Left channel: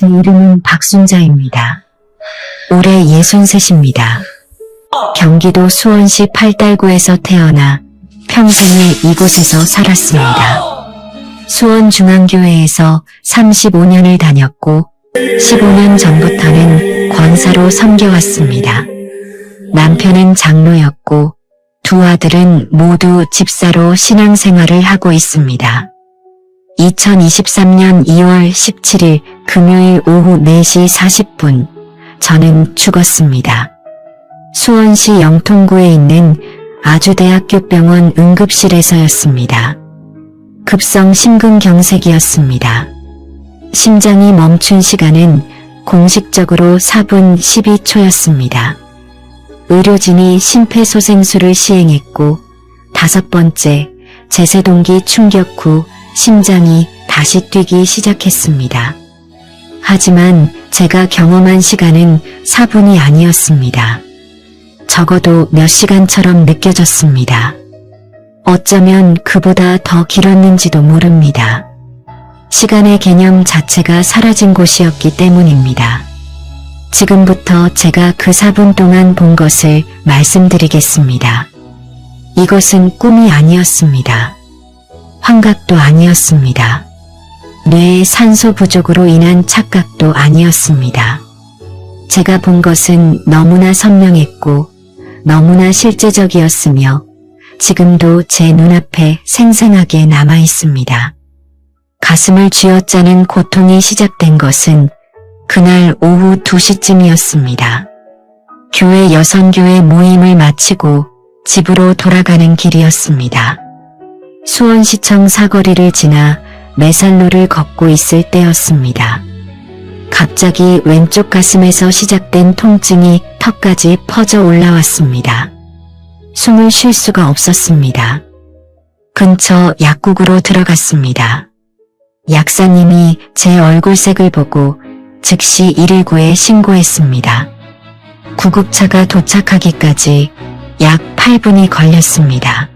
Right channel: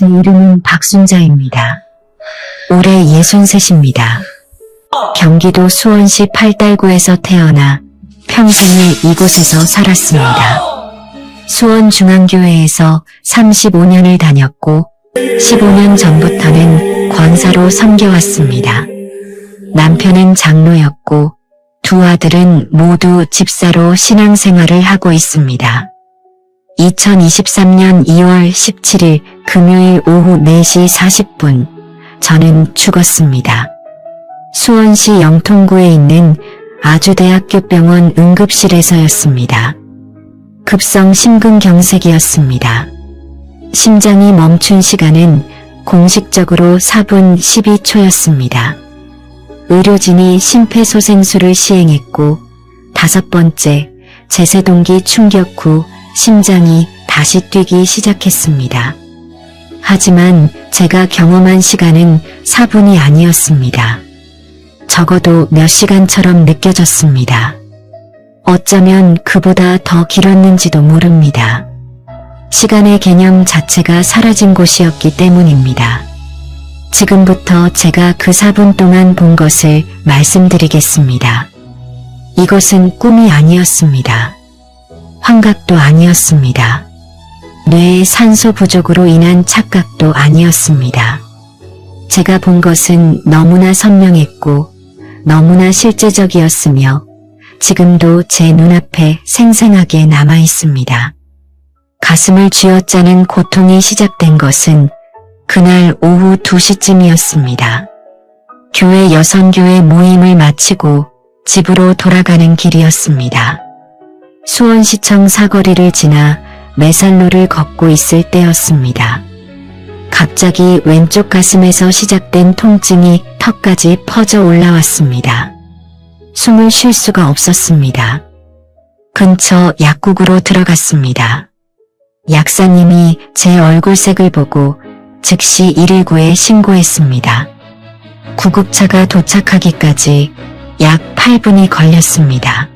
제 이름은 박순자입니다. 올해 63입니다. 경기도 수원시 팔달구에서 태어나 평생을 이곳에서 살았습니다. 수원중앙교회에서 35년을 다녔고 15년 전부터는 권사로 섬겨왔습니다. 남편은 장로였고 두 아들은 모두 집사로 신앙생활을 하고 있습니다. 2023년 2월 17일 금요일 오후 4시 40분 저는 죽었습니다. 수원시 영통구에 있는 아주대학교병원 응급실에서였습니다. 급성 심근경색이었습니다. 심장이 멈춘 시간은 공식적으로 4분 12초였습니다. 의료진이 심폐소생술을 시행했고 5번째 제세동기 충격 후 심장이 다시 뛰기 시작했습니다. 하지만 제가 경험한 시간은 4분이 아니었습니다. 적어도 몇 시간처럼 느껴졌습니다. 어쩌면 그보다 더 길었는지도 모릅니다. 시간의 개념 자체가 사라진 곳이었기 때문입니다. 지금부터 제가 그 3분 동안 본 것을 말씀드리겠습니다. 이것은 꿈이 아니었습니다. 환각도 아니었습니다. 뇌의 산소 부족으로 인한 착각도 아니었습니다. 제가 본 것은 너무나 선명했고 너무나 실제적이었으며 지금도 제 눈앞에 생생하게 남아있습니다. 가슴을 쥐어짜는 고통이 시작된 것은 그날 오후 2시쯤이었습니다. 교회 여성교회 모임을 마치고 집으로 돌아가는 길이었습니다. 수원시청 사거리를 지나 매산로를 걷고 있을 때였습니다. 갑자기 왼쪽 가슴에서 시작된 통증이 턱까지 퍼져 올라왔습니다. 숨을 쉴 수가 없었습니다. 근처 약국으로 들어갔습니다. 약사님이 제 얼굴색을 보고 즉시 119에 신고했습니다. 구급차가 도착하기까지 약 8분이 걸렸습니다.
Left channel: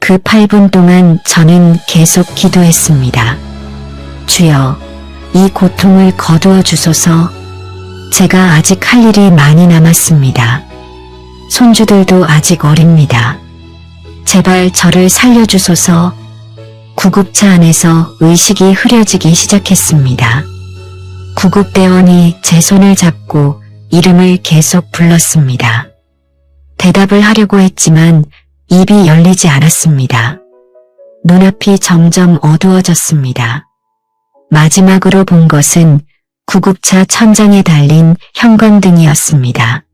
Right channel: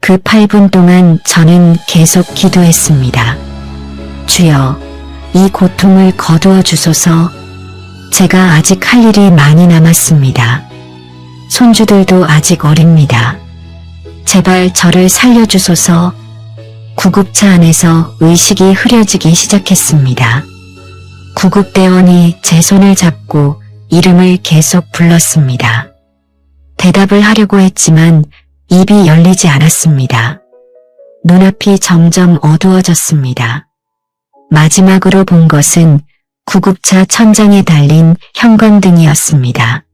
그 8분 동안 저는 계속 기도했습니다. 주여, 이 고통을 거두어 주소서. 제가 아직 할 일이 많이 남았습니다. 손주들도 아직 어립니다. 제발 저를 살려주소서. 구급차 안에서 의식이 흐려지기 시작했습니다. 구급대원이 제 손을 잡고 이름을 계속 불렀습니다. 대답을 하려고 했지만 입이 열리지 않았습니다. 눈앞이 점점 어두워졌습니다. 마지막으로 본 것은 구급차 천장에 달린 형광등이었습니다.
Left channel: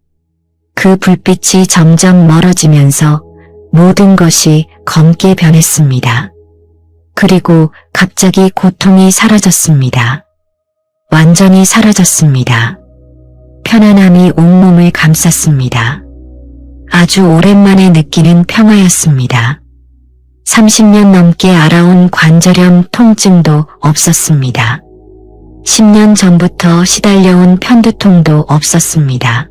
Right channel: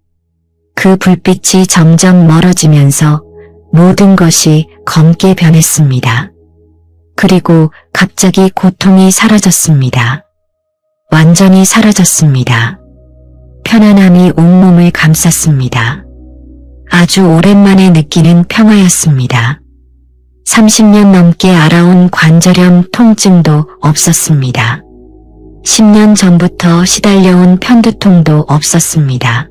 그 불빛이 점점 멀어지면서 모든 것이 검게 변했습니다. 그리고 갑자기 고통이 사라졌습니다. 완전히 사라졌습니다. 편안함이 온몸을 감쌌습니다. 아주 오랜만에 느끼는 평화였습니다. 30년 넘게 알아온 관절염 통증도 없었습니다. 10년 전부터 시달려온 편두통도 없었습니다.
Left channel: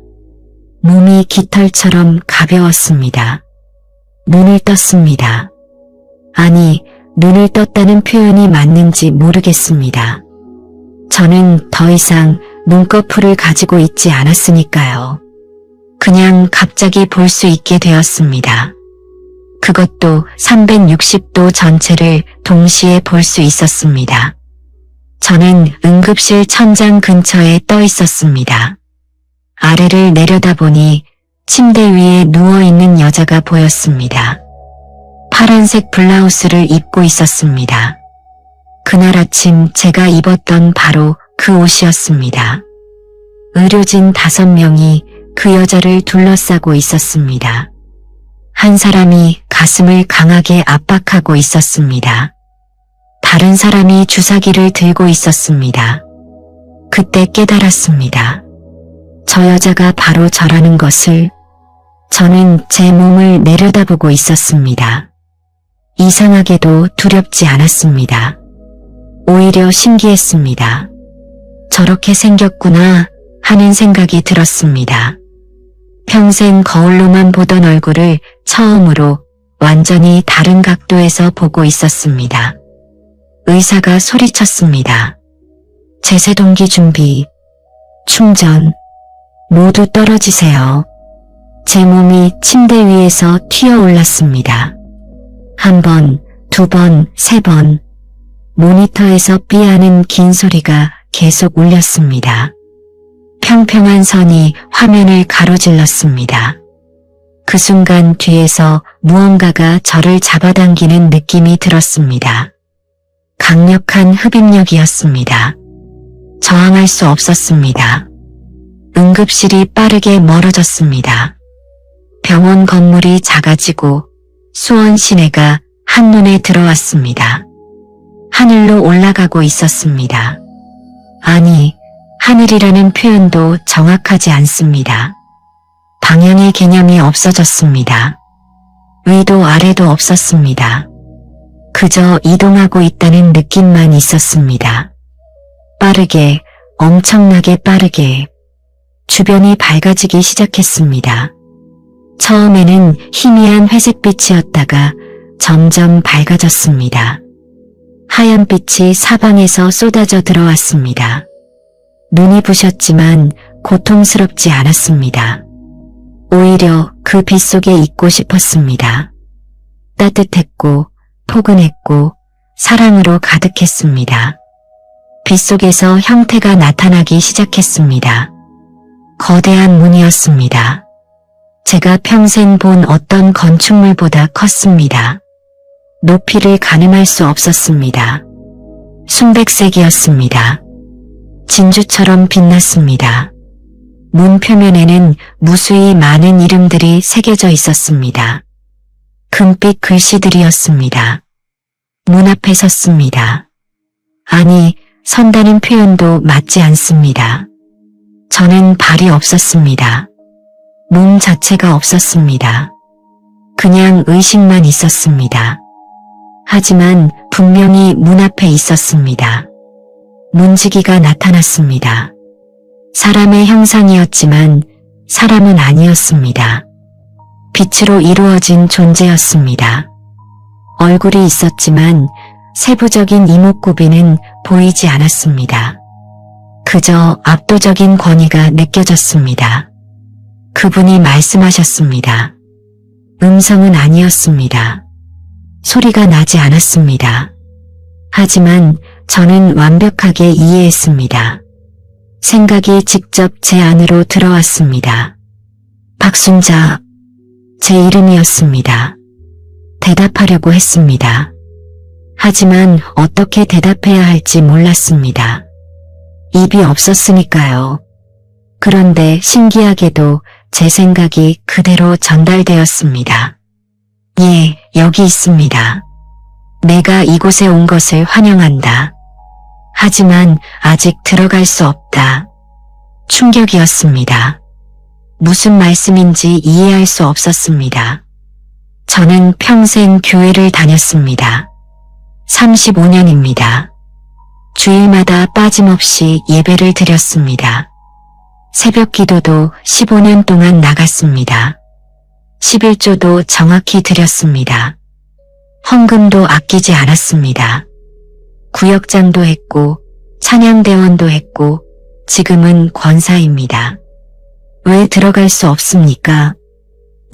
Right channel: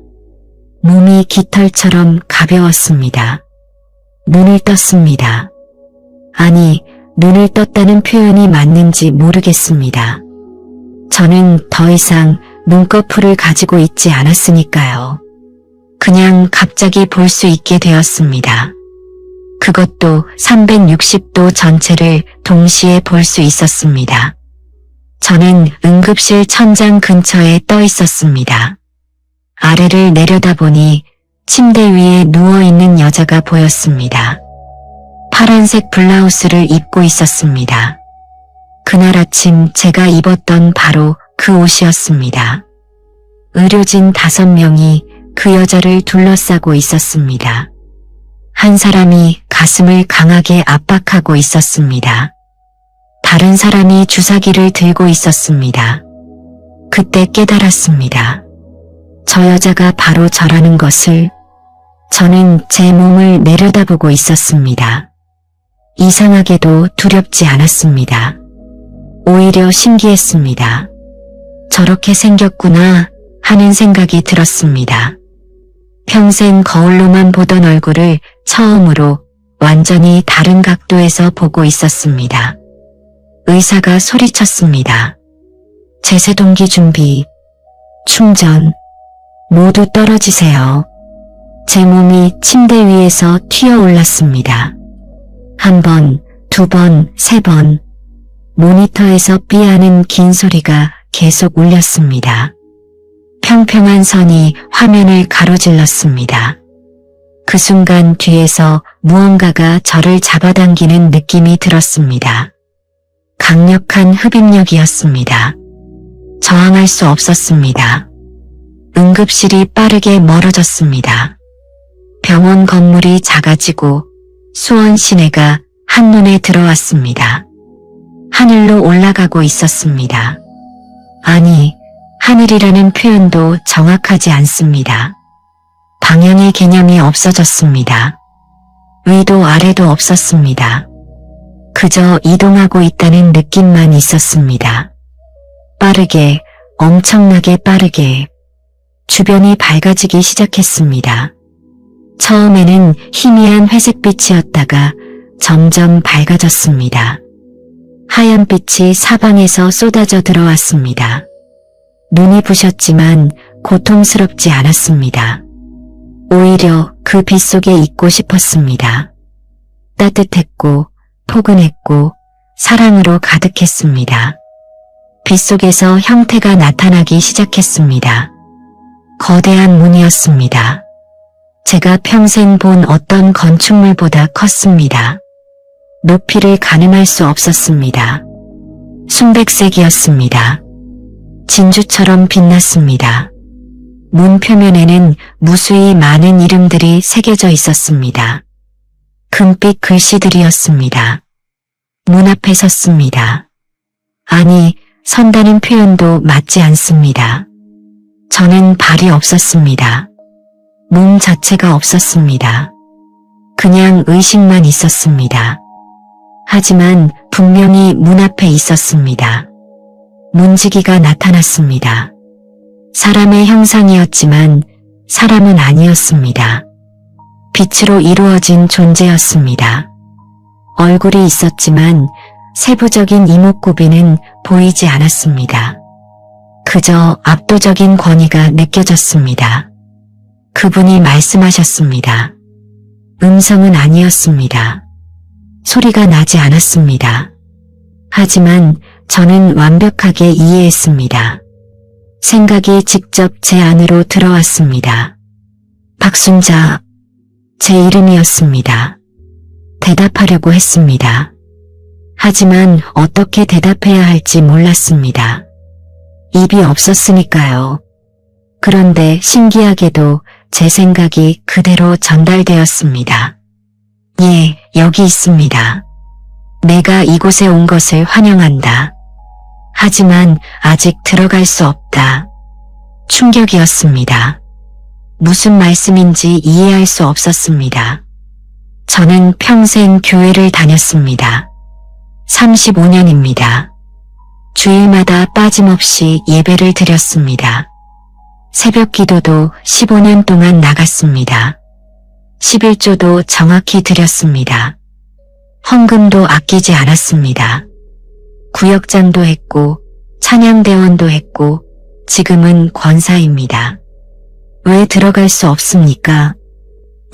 몸이 깃털처럼 가벼웠습니다. 눈을 떴습니다. 아니, 눈을 떴다는 표현이 맞는지 모르겠습니다. 저는 더 이상 눈꺼풀을 가지고 있지 않았으니까요. 그냥 갑자기 볼 수 있게 되었습니다. 그것도 360도 전체를 동시에 볼 수 있었습니다. 저는 응급실 천장 근처에 떠 있었습니다. 아래를 내려다보니 침대 위에 누워있는 여자가 보였습니다. 파란색 블라우스를 입고 있었습니다. 그날 아침 제가 입었던 바로 그 옷이었습니다. 의료진 5명이 그 여자를 둘러싸고 있었습니다. 한 사람이 가슴을 강하게 압박하고 있었습니다. 다른 사람이 주사기를 들고 있었습니다. 그때 깨달았습니다. 저 여자가 바로 저라는 것을. 저는 제 몸을 내려다보고 있었습니다. 이상하게도 두렵지 않았습니다. 오히려 신기했습니다. 저렇게 생겼구나 하는 생각이 들었습니다. 평생 거울로만 보던 얼굴을 처음으로 완전히 다른 각도에서 보고 있었습니다. 의사가 소리쳤습니다. 제세동기 준비, 충전, 모두 떨어지세요. 제 몸이 침대 위에서 튀어 올랐습니다. 한 번, 두 번, 세 번. 모니터에서 삐하는 긴 소리가 계속 울렸습니다. 평평한 선이 화면을 가로질렀습니다. 그 순간 뒤에서 무언가가 저를 잡아당기는 느낌이 들었습니다. 강력한 흡입력이었습니다. 저항할 수 없었습니다. 응급실이 빠르게 멀어졌습니다. 병원 건물이 작아지고 수원 시내가 한눈에 들어왔습니다. 하늘로 올라가고 있었습니다. 아니, 하늘이라는 표현도 정확하지 않습니다. 방향의 개념이 없어졌습니다. 위도 아래도 없었습니다. 그저 이동하고 있다는 느낌만 있었습니다. 빠르게, 엄청나게 빠르게 주변이 밝아지기 시작했습니다. 처음에는 희미한 회색빛이었다가 점점 밝아졌습니다. 하얀 빛이 사방에서 쏟아져 들어왔습니다. 눈이 부셨지만 고통스럽지 않았습니다. 오히려 그 빛 속에 있고 싶었습니다. 따뜻했고 포근했고 사랑으로 가득했습니다. 빛 속에서 형태가 나타나기 시작했습니다. 거대한 문이었습니다. 제가 평생 본 어떤 건축물보다 컸습니다. 높이를 가늠할 수 없었습니다. 순백색이었습니다. 진주처럼 빛났습니다. 문 표면에는 무수히 많은 이름들이 새겨져 있었습니다. 금빛 글씨들이었습니다. 문 앞에 섰습니다. 아니, 선다는 표현도 맞지 않습니다. 저는 발이 없었습니다. 몸 자체가 없었습니다. 그냥 의식만 있었습니다. 하지만 분명히 문 앞에 있었습니다. 문지기가 나타났습니다. 사람의 형상이었지만 사람은 아니었습니다. 빛으로 이루어진 존재였습니다. 얼굴이 있었지만 세부적인 이목구비는 보이지 않았습니다. 그저 압도적인 권위가 느껴졌습니다. 그분이 말씀하셨습니다. 음성은 아니었습니다. 소리가 나지 않았습니다. 하지만 저는 완벽하게 이해했습니다. 생각이 직접 제 안으로 들어왔습니다. 박순자, 제 이름이었습니다. 대답하려고 했습니다. 하지만 어떻게 대답해야 할지 몰랐습니다. 입이 없었으니까요. 그런데 신기하게도 제 생각이 그대로 전달되었습니다. 예, 여기 있습니다. 내가 이곳에 온 것을 환영한다. 하지만 아직 들어갈 수 없다. 충격이었습니다. 무슨 말씀인지 이해할 수 없었습니다. 저는 평생 교회를 다녔습니다. 35년입니다. 주일마다 빠짐없이 예배를 드렸습니다. 새벽 기도도 15년 동안 나갔습니다. 11조도 정확히 드렸습니다. 헌금도 아끼지 않았습니다. 구역장도 했고 찬양대원도 했고 지금은 권사입니다. 왜 들어갈 수 없습니까?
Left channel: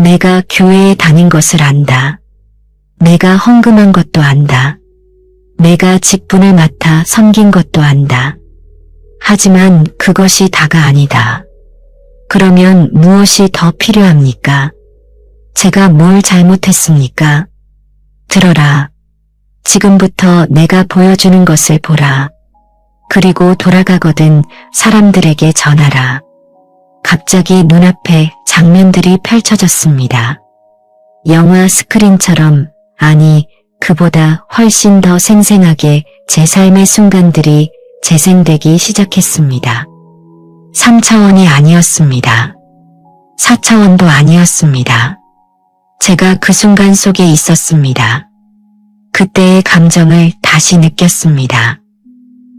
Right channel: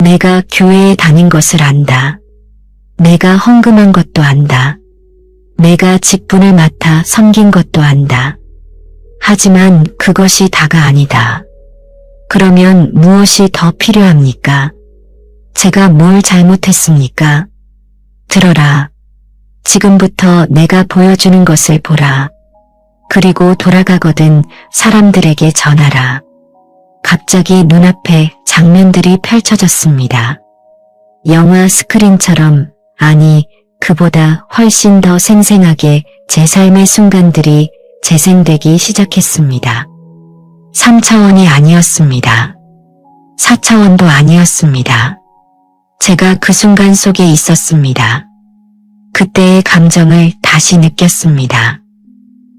내가 교회에 다닌 것을 안다. 내가 헌금한 것도 안다. 내가 직분을 맡아 섬긴 것도 안다. 하지만 그것이 다가 아니다. 그러면 무엇이 더 필요합니까? 제가 뭘 잘못했습니까? 들어라. 지금부터 내가 보여주는 것을 보라. 그리고 돌아가거든 사람들에게 전하라. 갑자기 눈앞에 장면들이 펼쳐졌습니다. 영화 스크린처럼, 아니 그보다 훨씬 더 생생하게 제 삶의 순간들이 재생되기 시작했습니다. 3차원이 아니었습니다. 4차원도 아니었습니다. 제가 그 순간 속에 있었습니다. 그때의 감정을 다시 느꼈습니다.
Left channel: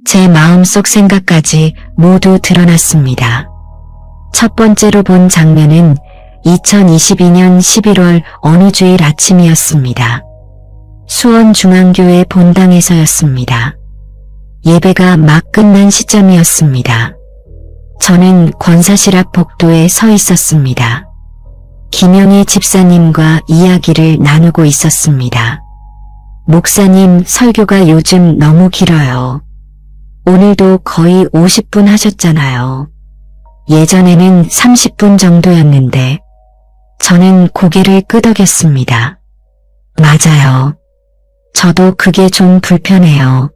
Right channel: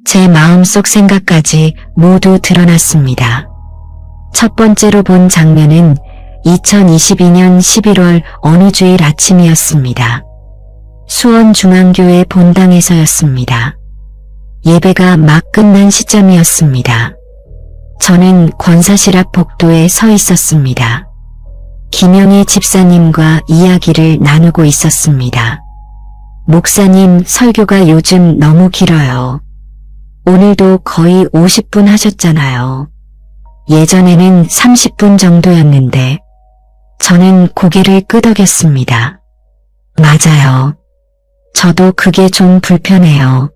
제 마음속 생각까지 모두 드러났습니다. 첫 번째로 본 장면은 2022년 11월 어느 주일 아침이었습니다. 수원중앙교회 본당에서였습니다. 예배가 막 끝난 시점이었습니다. 저는 권사실 앞 복도에 서 있었습니다. 김영희 집사님과 이야기를 나누고 있었습니다. 목사님, 설교가 요즘 너무 길어요. 오늘도 거의 50분 하셨잖아요. 예전에는 30분 정도였는데 저는 고개를 끄덕였습니다. 맞아요. 저도 그게 좀 불편해요.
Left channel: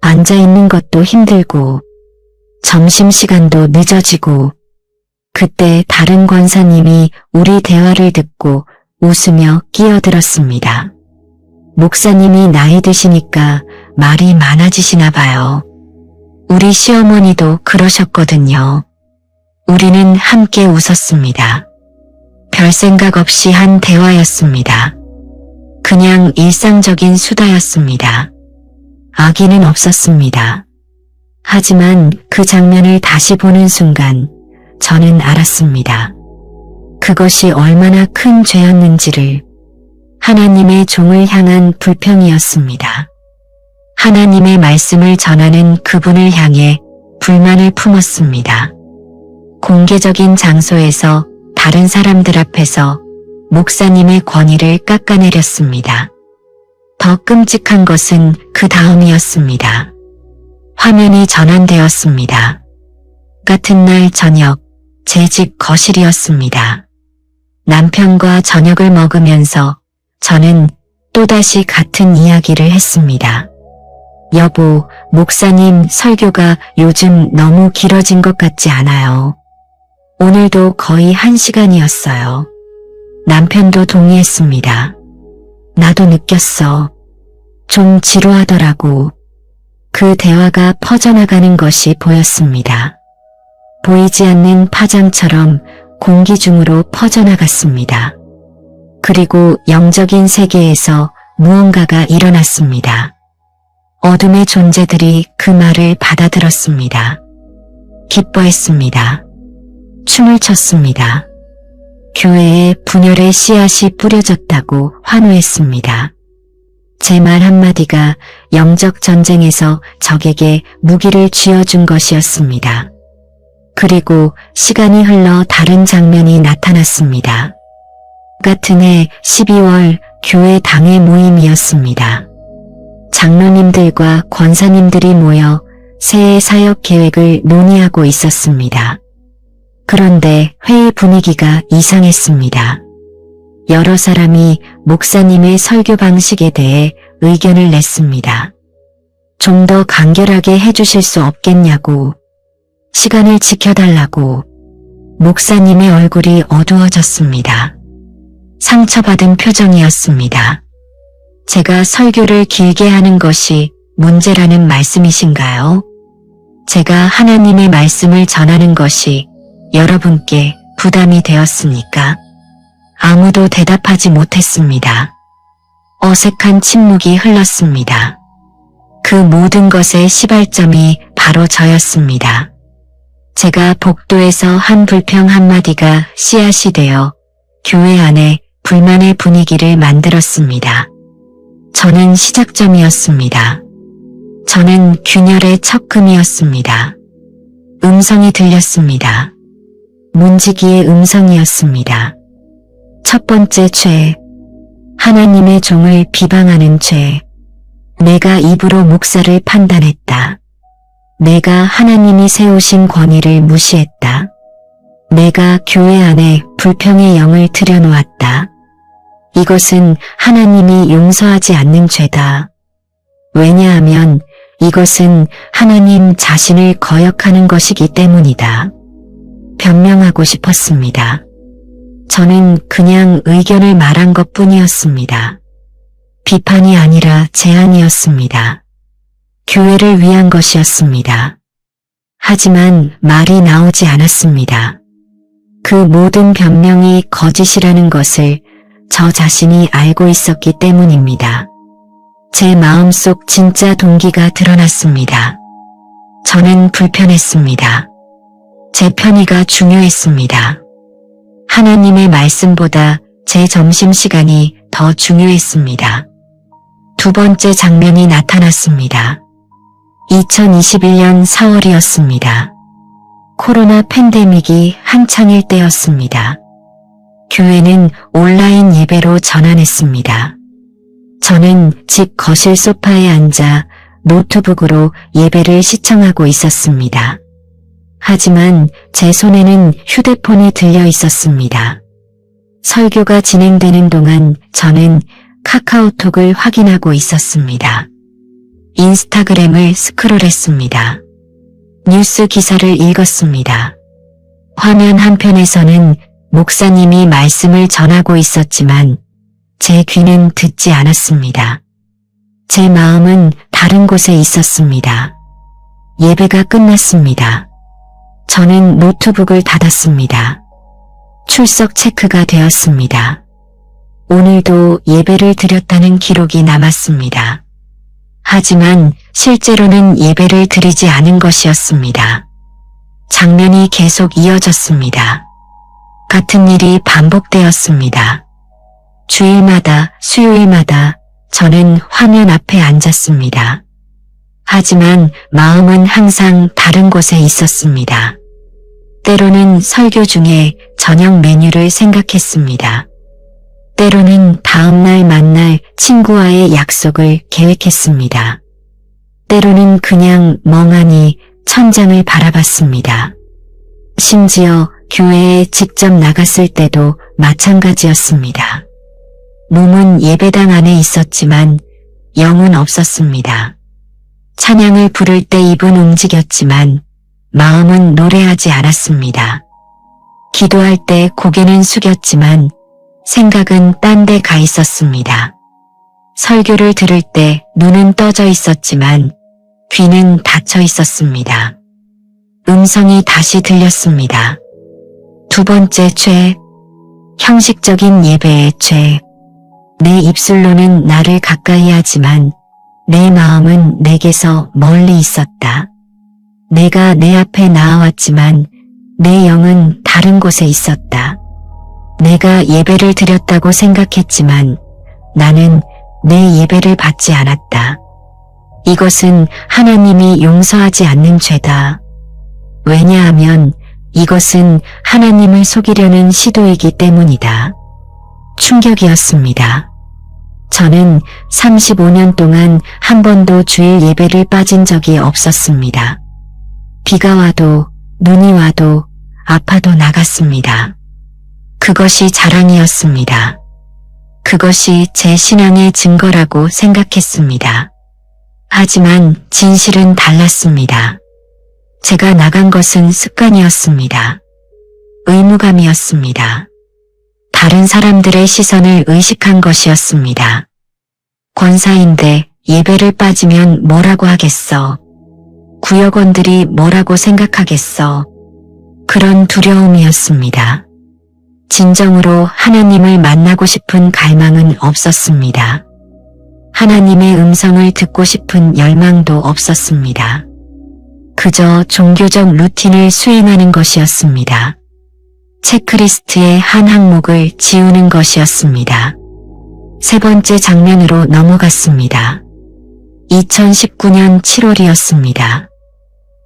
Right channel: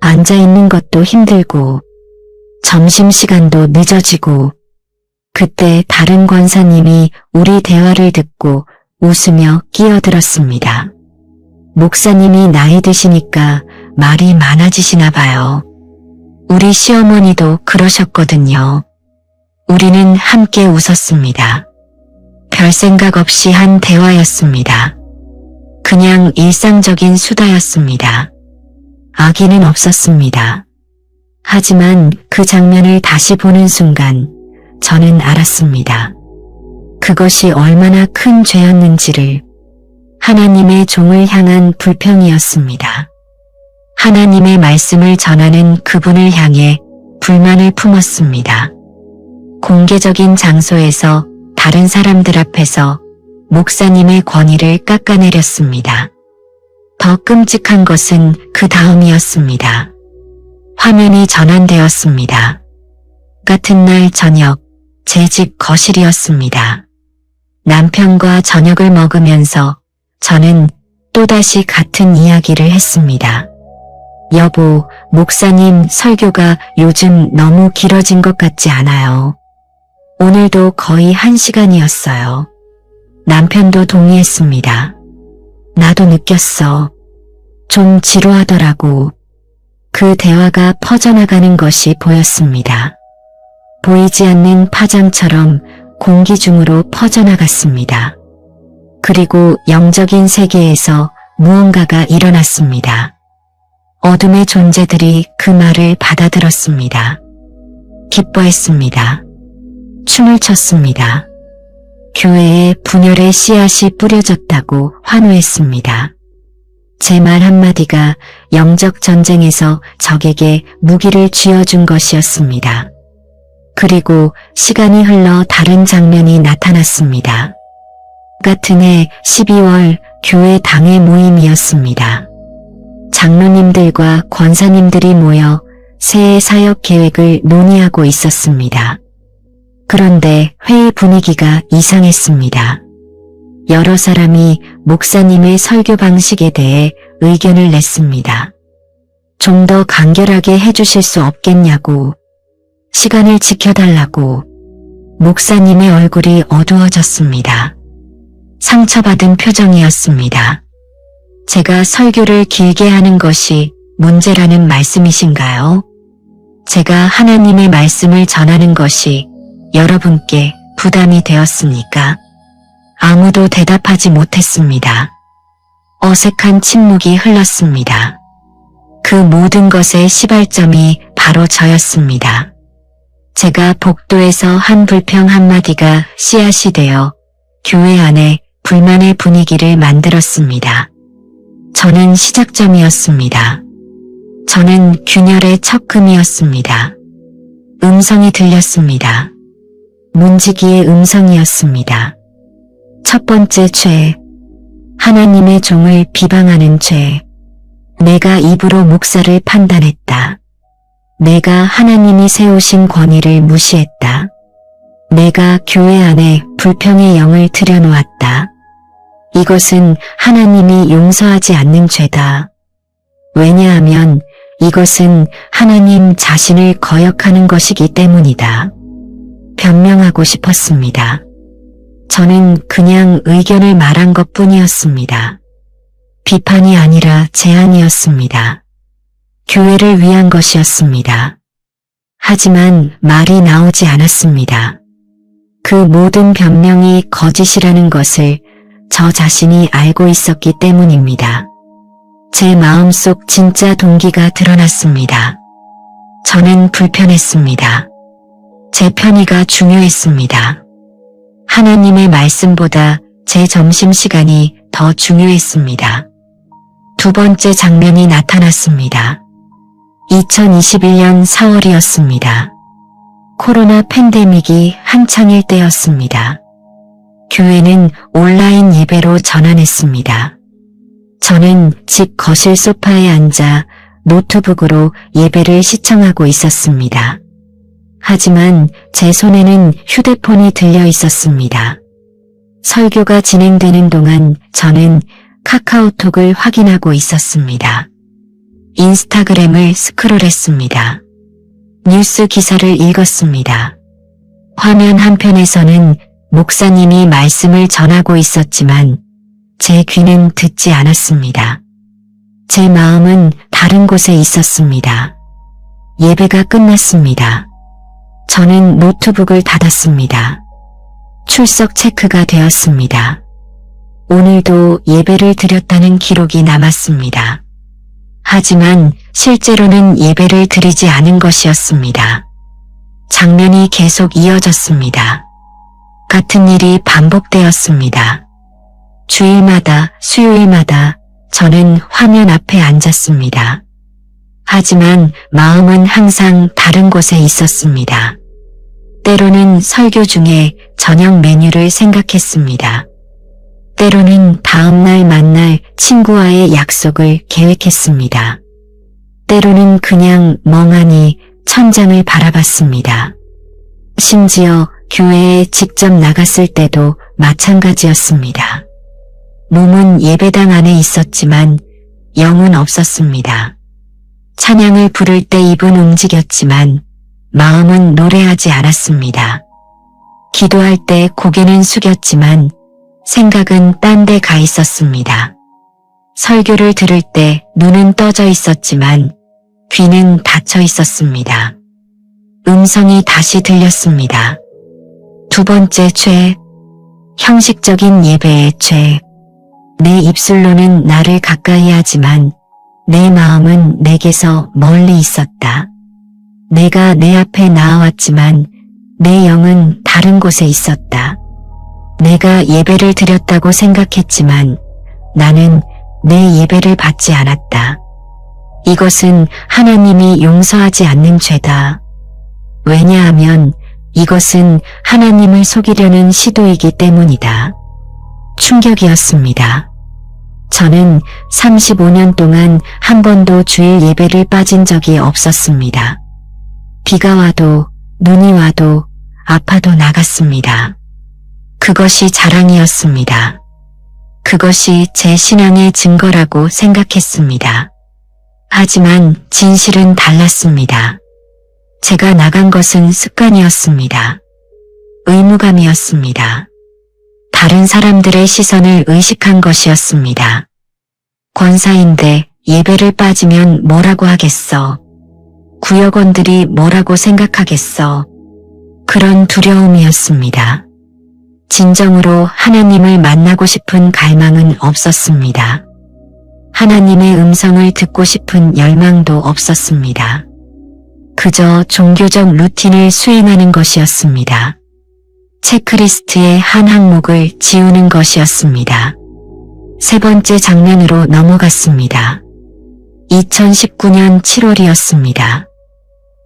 앉아있는 것도 힘들고 점심시간도 늦어지고. 그때 다른 권사님이 우리 대화를 듣고 웃으며 끼어들었습니다. 목사님이 나이 드시니까 말이 많아지시나 봐요. 우리 시어머니도 그러셨거든요. 우리는 함께 웃었습니다. 별 생각 없이 한 대화였습니다. 그냥 일상적인 수다였습니다. 악의는 없었습니다. 하지만 그 장면을 다시 보는 순간 저는 알았습니다. 그것이 얼마나 큰 죄였는지를. 하나님의 종을 향한 불평이었습니다. 하나님의 말씀을 전하는 그분을 향해 불만을 품었습니다. 공개적인 장소에서 다른 사람들 앞에서 목사님의 권위를 깎아내렸습니다. 더 끔찍한 것은 그 다음이었습니다. 화면이 전환되었습니다. 같은 날 저녁, 제 집 거실이었습니다. 남편과 저녁을 먹으면서 저는 또다시 같은 이야기를 했습니다. 여보, 목사님 설교가 요즘 너무 길어진 것 같지 않아요? 오늘도 거의 1시간이었어요. 남편도 동의했습니다. 나도 느꼈어. 좀 지루하더라고. 그 대화가 퍼져나가는 것이 보였습니다. 보이지 않는 파장처럼 공기 중으로 퍼져나갔습니다. 그리고 영적인 세계에서 무언가가 일어났습니다. 어둠의 존재들이 그 말을 받아들였습니다. 기뻐했습니다. 춤을 췄습니다. 교회에 분열의 씨앗이 뿌려졌다고 환호했습니다. 제 말 한마디가 영적 전쟁에서 적에게 무기를 쥐어준 것이었습니다. 그리고 시간이 흘러 다른 장면이 나타났습니다. 같은 해 12월 교회 당회 모임이었습니다. 장로님들과 권사님들이 모여 새해 사역 계획을 논의하고 있었습니다. 그런데 회의 분위기가 이상했습니다. 여러 사람이 목사님의 설교 방식에 대해 의견을 냈습니다. 좀 더 간결하게 해주실 수 없겠냐고, 시간을 지켜달라고. 목사님의 얼굴이 어두워졌습니다. 상처받은 표정이었습니다. 제가 설교를 길게 하는 것이 문제라는 말씀이신가요? 제가 하나님의 말씀을 전하는 것이 여러분께 부담이 되었습니까? 아무도 대답하지 못했습니다. 어색한 침묵이 흘렀습니다. 그 모든 것의 시발점이 바로 저였습니다. 제가 복도에서 한 불평 한마디가 씨앗이 되어 교회 안에 불만의 분위기를 만들었습니다. 저는 시작점이었습니다. 저는 균열의 척금이었습니다. 음성이 들렸습니다. 문지기의 음성이었습니다. 첫 번째 죄, 하나님의 종을 비방하는 죄. 내가 입으로 묵사를 판단했다. 내가 하나님이 세우신 권위를 무시했다. 내가 교회 안에 불평의 영을 들여놓았다. 이것은 하나님이 용서하지 않는 죄다. 왜냐하면 이것은 하나님 자신을 거역하는 것이기 때문이다. 변명하고 싶었습니다. 저는 그냥 의견을 말한 것뿐이었습니다. 비판이 아니라 제안이었습니다. 교회를 위한 것이었습니다. 하지만 말이 나오지 않았습니다. 그 모든 변명이 거짓이라는 것을 저 자신이 알고 있었기 때문입니다. 제 마음속 진짜 동기가 드러났습니다. 저는 불편했습니다. 제 편의가 중요했습니다. 하나님의 말씀보다 제 점심시간이 더 중요했습니다. 두 번째 장면이 나타났습니다. 2021년 4월이었습니다. 코로나 팬데믹이 한창일 때였습니다. 교회는 온라인 예배로 전환했습니다. 저는 집 거실 소파에 앉아 노트북으로 예배를 시청하고 있었습니다. 하지만 제 손에는 휴대폰이 들려 있었습니다. 설교가 진행되는 동안 저는 카카오톡을 확인하고 있었습니다. 인스타그램을 스크롤했습니다. 뉴스 기사를 읽었습니다. 화면 한편에서는 목사님이 말씀을 전하고 있었지만 제 귀는 듣지 않았습니다. 제 마음은 다른 곳에 있었습니다. 예배가 끝났습니다. 저는 노트북을 닫았습니다. 출석 체크가 되었습니다. 오늘도 예배를 드렸다는 기록이 남았습니다. 하지만 실제로는 예배를 드리지 않은 것이었습니다. 장면이 계속 이어졌습니다. 같은 일이 반복되었습니다. 주일마다, 수요일마다 저는 화면 앞에 앉았습니다. 하지만 마음은 항상 다른 곳에 있었습니다. 때로는 설교 중에 저녁 메뉴를 생각했습니다. 때로는 다음날 만날 친구와의 약속을 계획했습니다. 때로는 그냥 멍하니 천장을 바라봤습니다. 심지어 교회에 직접 나갔을 때도 마찬가지였습니다. 몸은 예배당 안에 있었지만 영은 없었습니다. 찬양을 부를 때 입은 움직였지만 마음은 노래하지 않았습니다. 기도할 때 고개는 숙였지만 생각은 딴 데 가 있었습니다. 설교를 들을 때 눈은 떠져 있었지만 귀는 닫혀 있었습니다. 음성이 다시 들렸습니다. 두 번째 죄, 형식적인 예배의 죄. 내 입술로는 나를 가까이 하지만 내 마음은 내게서 멀리 있었다. 내가 내 앞에 나아왔지만 내 영은 다른 곳에 있었다. 내가 예배를 드렸다고 생각했지만 나는 내 예배를 받지 않았다. 이것은 하나님이 용서하지 않는 죄다. 왜냐하면 이것은 하나님을 속이려는 시도이기 때문이다. 충격이었습니다. 저는 35년 동안 한 번도 주일 예배를 빠진 적이 없었습니다. 비가 와도 눈이 와도 아파도 나갔습니다. 그것이 자랑이었습니다. 그것이 제 신앙의 증거라고 생각했습니다. 하지만 진실은 달랐습니다. 제가 나간 것은 습관이었습니다. 의무감이었습니다. 다른 사람들의 시선을 의식한 것이었습니다. 권사인데 예배를 빠지면 뭐라고 하겠어? 구역원들이 뭐라고 생각하겠어? 그런 두려움이었습니다. 진정으로 하나님을 만나고 싶은 갈망은 없었습니다. 하나님의 음성을 듣고 싶은 열망도 없었습니다. 그저 종교적 루틴을 수행하는 것이었습니다. 체크리스트의 한 항목을 지우는 것이었습니다. 세 번째 장면으로 넘어갔습니다. 2019년 7월이었습니다.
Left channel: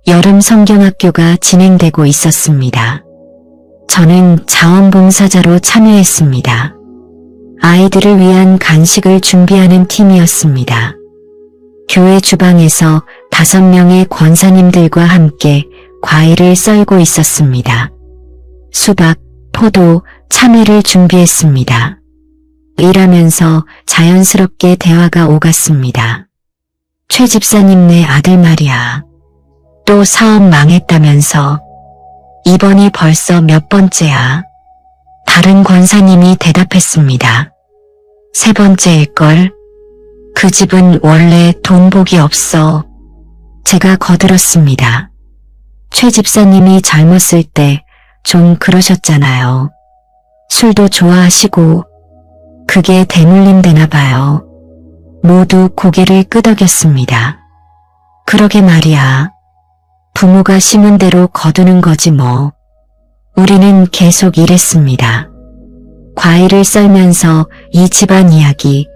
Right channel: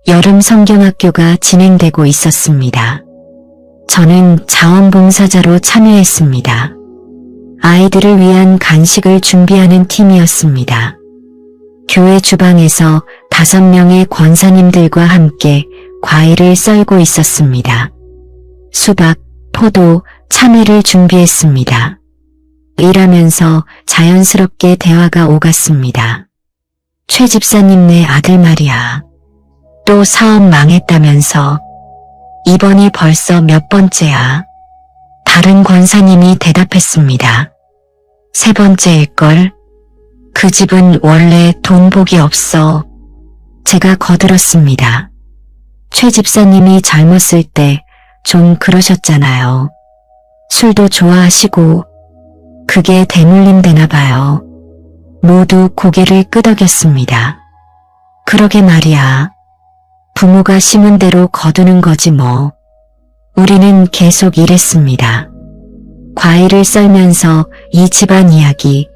여름 성경학교가 진행되고 있었습니다. 저는 자원봉사자로 참여했습니다. 아이들을 위한 간식을 준비하는 팀이었습니다. 교회 주방에서 5명의 권사님들과 함께 과일을 썰고 있었습니다. 수박, 포도, 참외를 준비했습니다. 일하면서 자연스럽게 대화가 오갔습니다. 최 집사님네 아들 말이야. 또 사업 망했다면서. 이번이 벌써 몇 번째야. 다른 권사님이 대답했습니다. 세 번째일걸. 그 집은 원래 돈복이 없어. 제가 거들었습니다. 최 집사님이 젊었을 때 좀 그러셨잖아요. 술도 좋아하시고. 그게 대물림 되나 봐요. 모두 고개를 끄덕였습니다. 그러게 말이야. 부모가 심은 대로 거두는 거지 뭐. 우리는 계속 일했습니다. 과일을 썰면서 이 집안 이야기,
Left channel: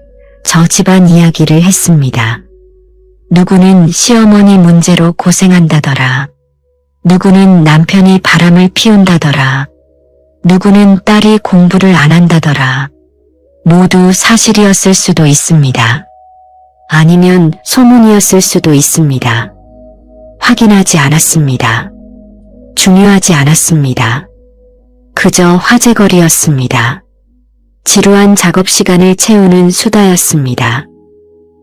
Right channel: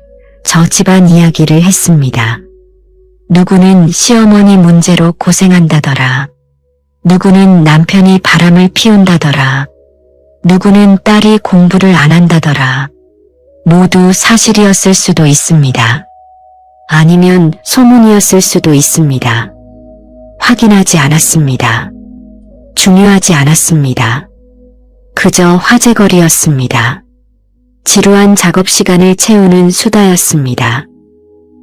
저 집안 이야기를 했습니다. 누구는 시어머니 문제로 고생한다더라. 누구는 남편이 바람을 피운다더라. 누구는 딸이 공부를 안 한다더라. 모두 사실이었을 수도 있습니다. 아니면 소문이었을 수도 있습니다. 확인하지 않았습니다. 중요하지 않았습니다. 그저 화제거리였습니다. 지루한 작업 시간을 채우는 수다였습니다.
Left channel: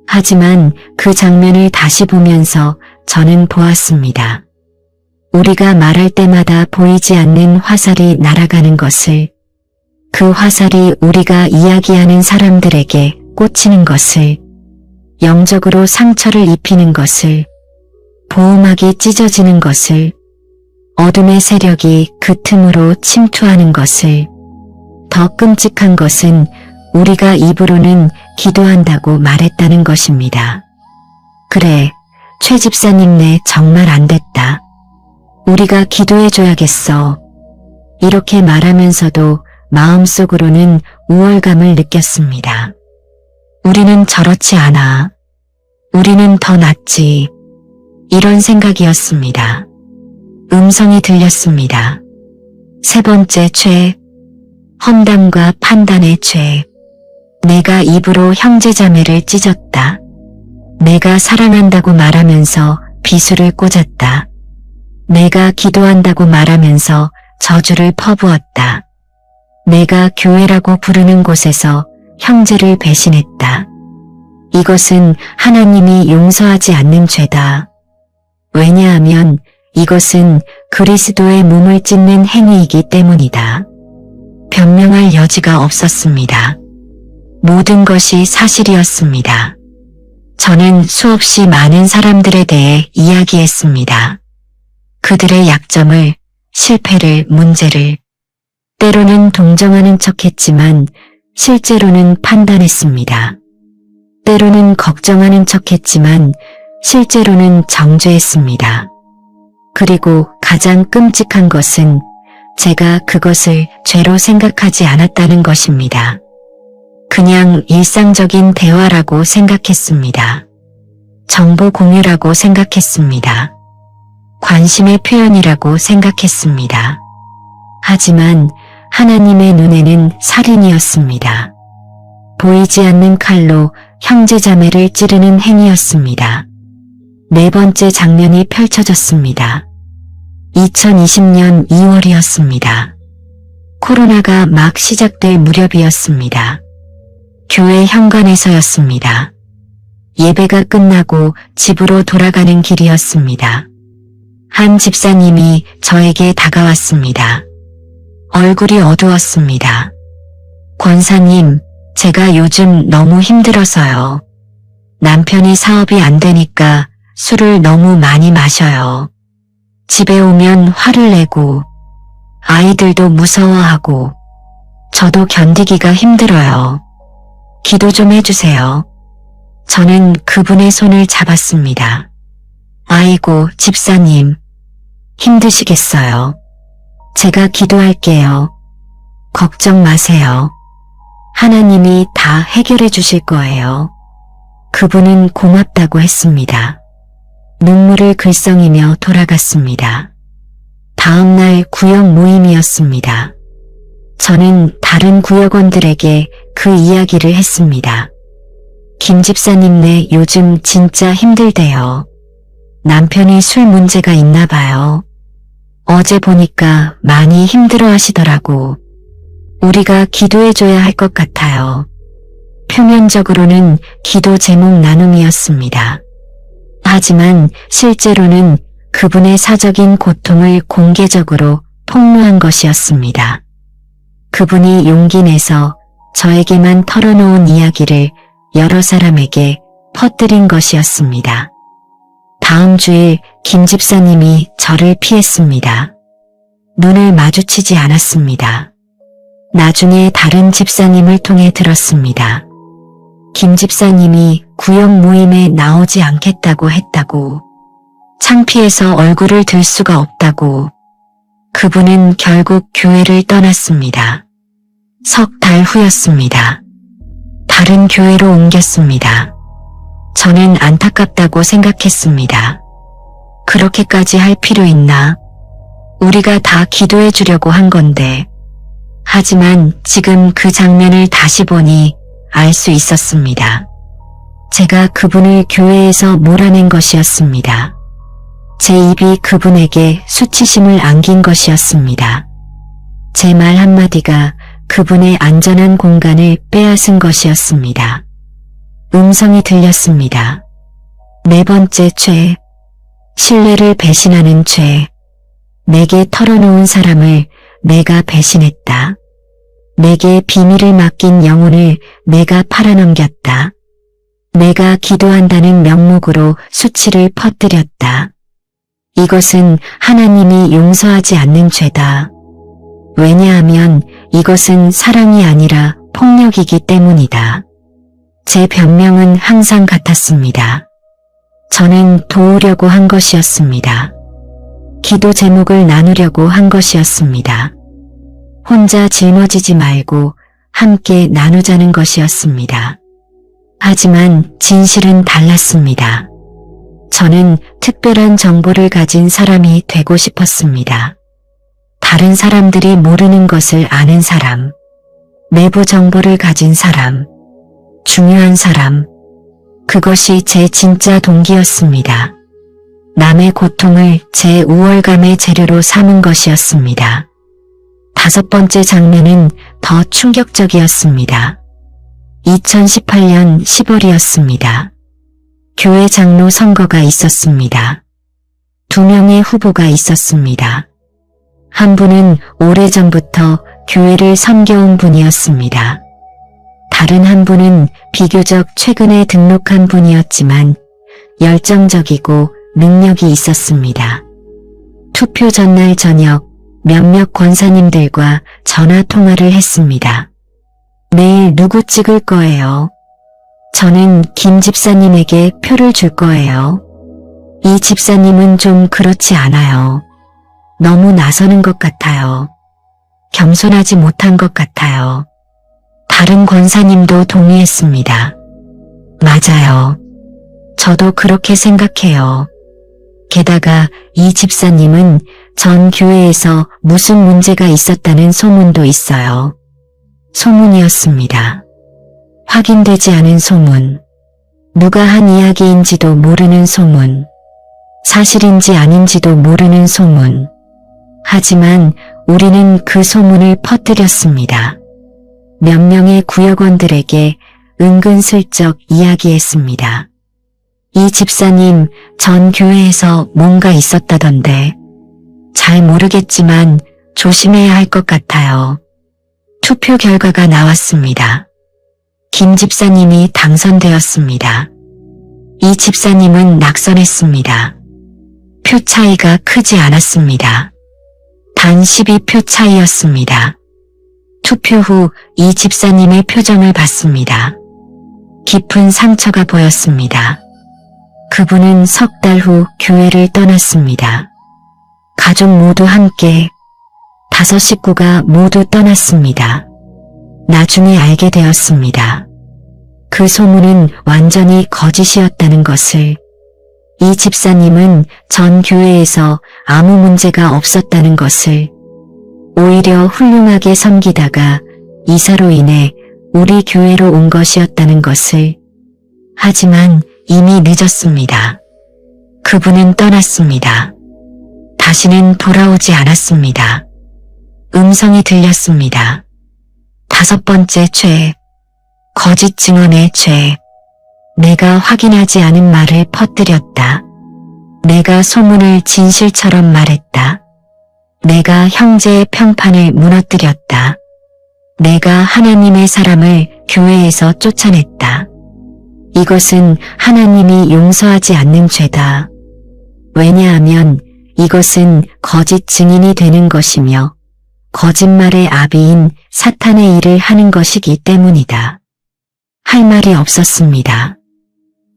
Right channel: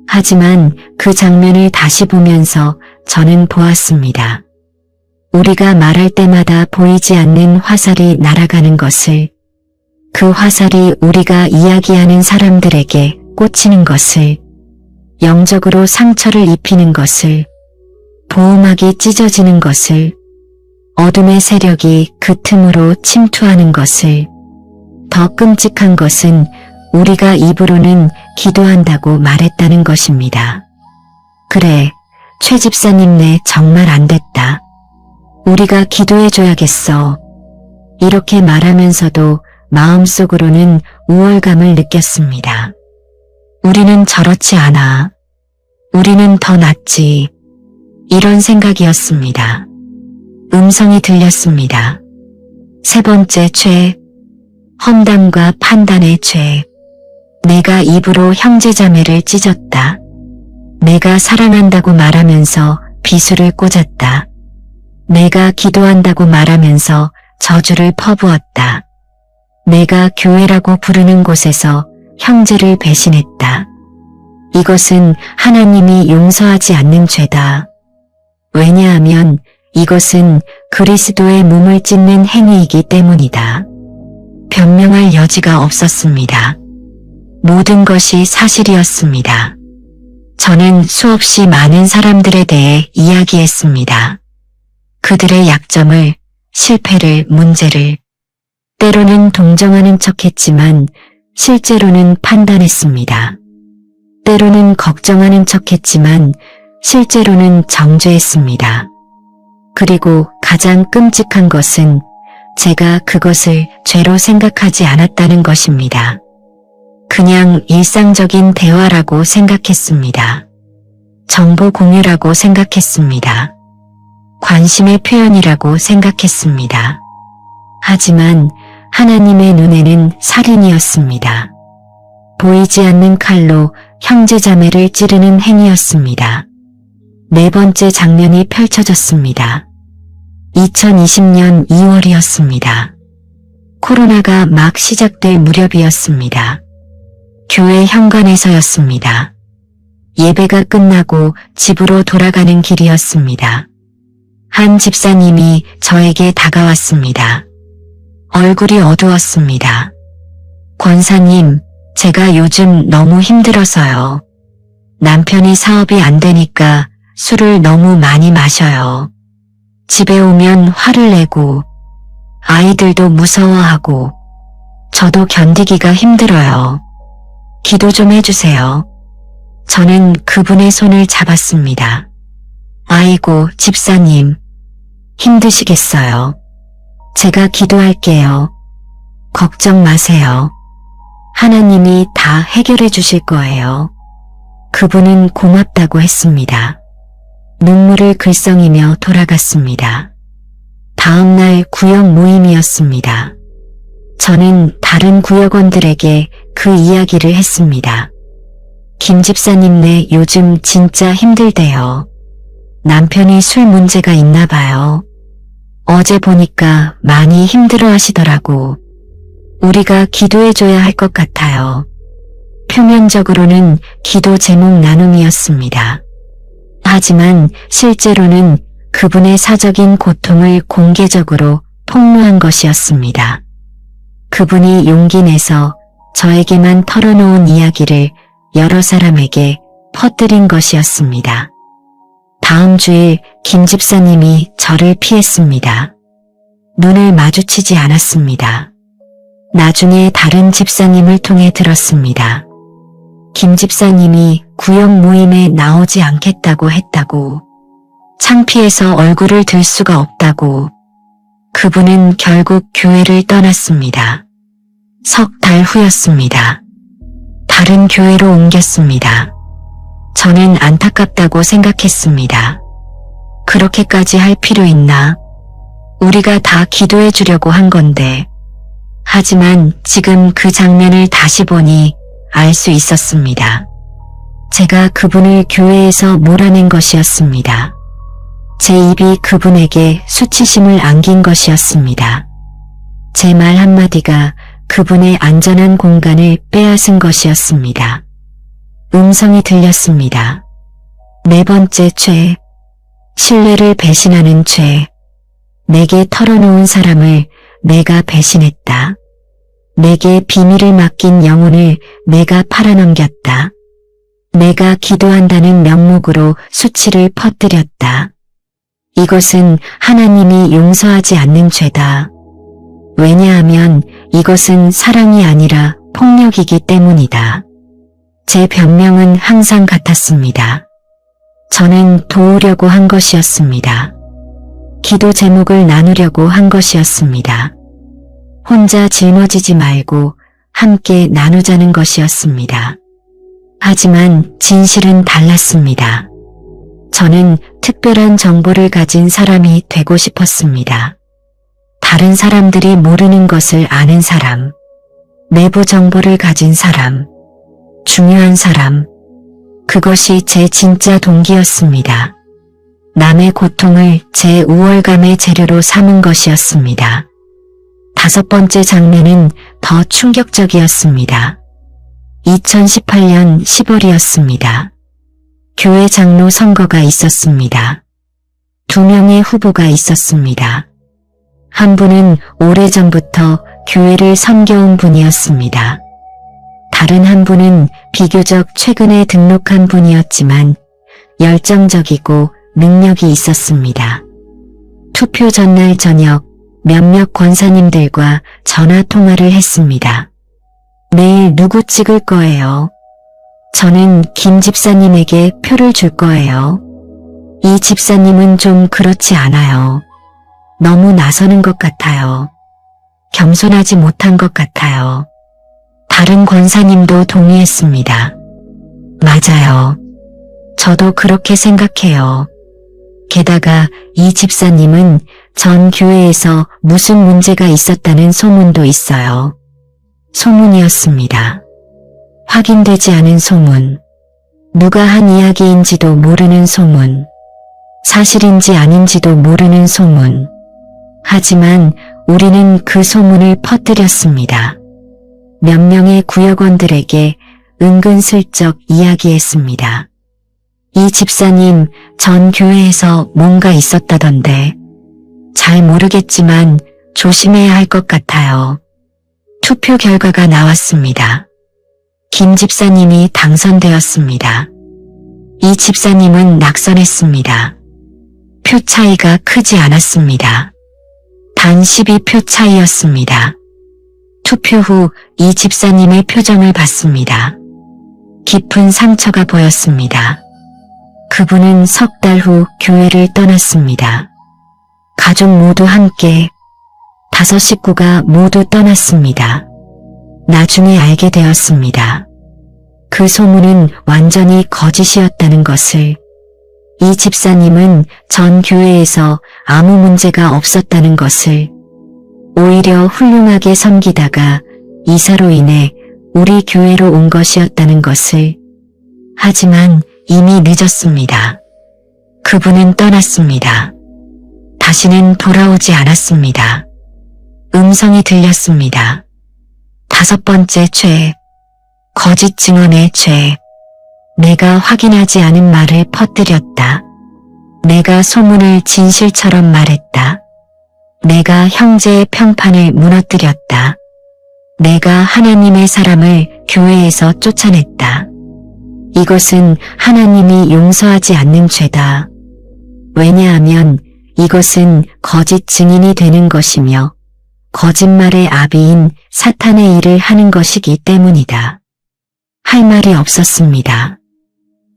하지만 그 장면을 다시 보면서 저는 보았습니다. 우리가 말할 때마다 보이지 않는 화살이 날아가는 것을, 그 화살이 우리가 이야기하는 사람들에게 꽂히는 것을, 영적으로 상처를 입히는 것을, 보호막이 찢어지는 것을, 어둠의 세력이 그 틈으로 침투하는 것을, 더 끔찍한 것은 우리가 입으로는 기도한다고 말했다는 것입니다. 그래, 최 집사님네 정말 안 됐다. 우리가 기도해줘야겠어. 이렇게 말하면서도 마음속으로는 우월감을 느꼈습니다. 우리는 저렇지 않아. 우리는 더 낫지. 이런 생각이었습니다. 음성이 들렸습니다. 세 번째 죄, 험담과 판단의 죄. 내가 입으로 형제자매를 찢었다. 내가 사랑한다고 말하면서 비수를 꽂았다. 내가 기도한다고 말하면서 저주를 퍼부었다. 내가 교회라고 부르는 곳에서 형제를 배신했다. 이것은 하나님이 용서하지 않는 죄다. 왜냐하면 이것은 그리스도의 몸을 찢는 행위이기 때문이다. 변명할 여지가 없었습니다. 모든 것이 사실이었습니다. 저는 수없이 많은 사람들에 대해 이야기했습니다. 그들의 약점을, 실패를, 문제를, 때로는 동정하는 척했지만 실제로는 판단했습니다. 때로는 걱정하는 척했지만 실제로는 정죄했습니다. 그리고 가장 끔찍한 것은 제가 그것을 죄로 생각하지 않았다는 것입니다. 그냥 일상적인 대화라고 생각했습니다. 정보 공유라고 생각했습니다. 관심의 표현이라고 생각했습니다. 하지만 하나님의 눈에는 살인이었습니다. 보이지 않는 칼로 형제자매를 찌르는 행위였습니다. 네 번째 장면이 펼쳐졌습니다. 2020년 2월이었습니다. 코로나가 막 시작될 무렵이었습니다. 교회 현관에서였습니다. 예배가 끝나고 집으로 돌아가는 길이었습니다. 한 집사님이 저에게 다가왔습니다. 얼굴이 어두웠습니다. 권사님, 제가 요즘 너무 힘들어서요. 남편이 사업이 안 되니까 술을 너무 많이 마셔요. 집에 오면 화를 내고 아이들도 무서워하고 저도 견디기가 힘들어요. 기도 좀 해주세요. 저는 그분의 손을 잡았습니다. 아이고, 집사님, 힘드시겠어요. 제가 기도할게요. 걱정 마세요. 하나님이 다 해결해 주실 거예요. 그분은 고맙다고 했습니다. 눈물을 글썽이며 돌아갔습니다. 다음 날 구역 모임이었습니다. 저는 다른 구역원들에게 그 이야기를 했습니다. 김 집사님네 요즘 진짜 힘들대요. 남편이 술 문제가 있나 봐요. 어제 보니까 많이 힘들어 하시더라고. 우리가 기도해줘야 할 것 같아요. 표면적으로는 기도 제목 나눔이었습니다. 하지만 실제로는 그분의 사적인 고통을 공개적으로 폭로한 것이었습니다. 그분이 용기 내서 저에게만 털어놓은 이야기를 여러 사람에게 퍼뜨린 것이었습니다. 다음 주에 김 집사님이 저를 피했습니다. 눈을 마주치지 않았습니다. 나중에 다른 집사님을 통해 들었습니다. 김 집사님이 구역 모임에 나오지 않겠다고 했다고, 창피해서 얼굴을 들 수가 없다고. 그분은 결국 교회를 떠났습니다. 석 달 후였습니다. 다른 교회로 옮겼습니다. 저는 안타깝다고 생각했습니다. 그렇게까지 할 필요 있나? 우리가 다 기도해 주려고 한 건데. 하지만 지금 그 장면을 다시 보니 알 수 있었습니다. 제가 그분을 교회에서 몰아낸 것이었습니다. 제 입이 그분에게 수치심을 안긴 것이었습니다. 제 말 한마디가 그분의 안전한 공간을 빼앗은 것이었습니다. 음성이 들렸습니다. 네 번째 죄, 신뢰를 배신하는 죄. 내게 털어놓은 사람을 내가 배신했다. 내게 비밀을 맡긴 영혼을 내가 팔아넘겼다. 내가 기도한다는 명목으로 수치를 퍼뜨렸다. 이것은 하나님이 용서하지 않는 죄다. 왜냐하면 이것은 사랑이 아니라 폭력이기 때문이다. 제 변명은 항상 같았습니다. 저는 도우려고 한 것이었습니다. 기도 제목을 나누려고 한 것이었습니다. 혼자 짊어지지 말고 함께 나누자는 것이었습니다. 하지만 진실은 달랐습니다. 저는 특별한 정보를 가진 사람이 되고 싶었습니다. 다른 사람들이 모르는 것을 아는 사람, 내부 정보를 가진 사람, 중요한 사람, 그것이 제 진짜 동기였습니다. 남의 고통을 제 우월감의 재료로 삼은 것이었습니다. 다섯 번째 장면은 더 충격적이었습니다. 2018년 10월이었습니다. 교회 장로 선거가 있었습니다. 2명의 후보가 있었습니다. 한 분은 오래전부터 교회를 섬겨온 분이었습니다. 다른 한 분은 비교적 최근에 등록한 분이었지만 열정적이고 능력이 있었습니다. 투표 전날 저녁 몇몇 권사님들과 전화통화를 했습니다. 내일 누구 찍을 거예요? 저는 김 집사님에게 표를 줄 거예요. 이 집사님은 좀 그렇지 않아요. 너무 나서는 것 같아요. 겸손하지 못한 것 같아요. 다른 권사님도 동의했습니다. 맞아요. 저도 그렇게 생각해요. 게다가 이 집사님은 전 교회에서 무슨 문제가 있었다는 소문도 있어요. 소문이었습니다. 확인되지 않은 소문. 누가 한 이야기인지도 모르는 소문. 사실인지 아닌지도 모르는 소문. 하지만 우리는 그 소문을 퍼뜨렸습니다. 몇 명의 구역원들에게 은근슬쩍 이야기했습니다. 이 집사님 전 교회에서 뭔가 있었다던데. 잘 모르겠지만 조심해야 할 것 같아요. 투표 결과가 나왔습니다. 김 집사님이 당선되었습니다. 이 집사님은 낙선했습니다. 표 차이가 크지 않았습니다. 단 12표 차이였습니다. 투표 후 이 집사님의 표정을 봤습니다. 깊은 상처가 보였습니다. 그분은 석 달 후 교회를 떠났습니다. 가족 모두 함께 5 식구가 모두 떠났습니다. 나중에 알게 되었습니다. 그 소문은 완전히 거짓이었다는 것을. 이 집사님은 전 교회에서 아무 문제가 없었다는 것을. 오히려 훌륭하게 섬기다가 이사로 인해 우리 교회로 온 것이었다는 것을. 하지만 이미 늦었습니다. 그분은 떠났습니다. 다시는 돌아오지 않았습니다. 음성이 들렸습니다. 5번째 죄, 거짓 증언의 죄. 내가 확인하지 않은 말을 퍼뜨렸다. 내가 소문을 진실처럼 말했다. 내가 형제의 평판을 무너뜨렸다. 내가 하나님의 사람을 교회에서 쫓아냈다. 이것은 하나님이 용서하지 않는 죄다. 왜냐하면 이것은 거짓 증인이 되는 것이며 거짓말의 아비인 사탄의 일을 하는 것이기 때문이다. 할 말이 없었습니다.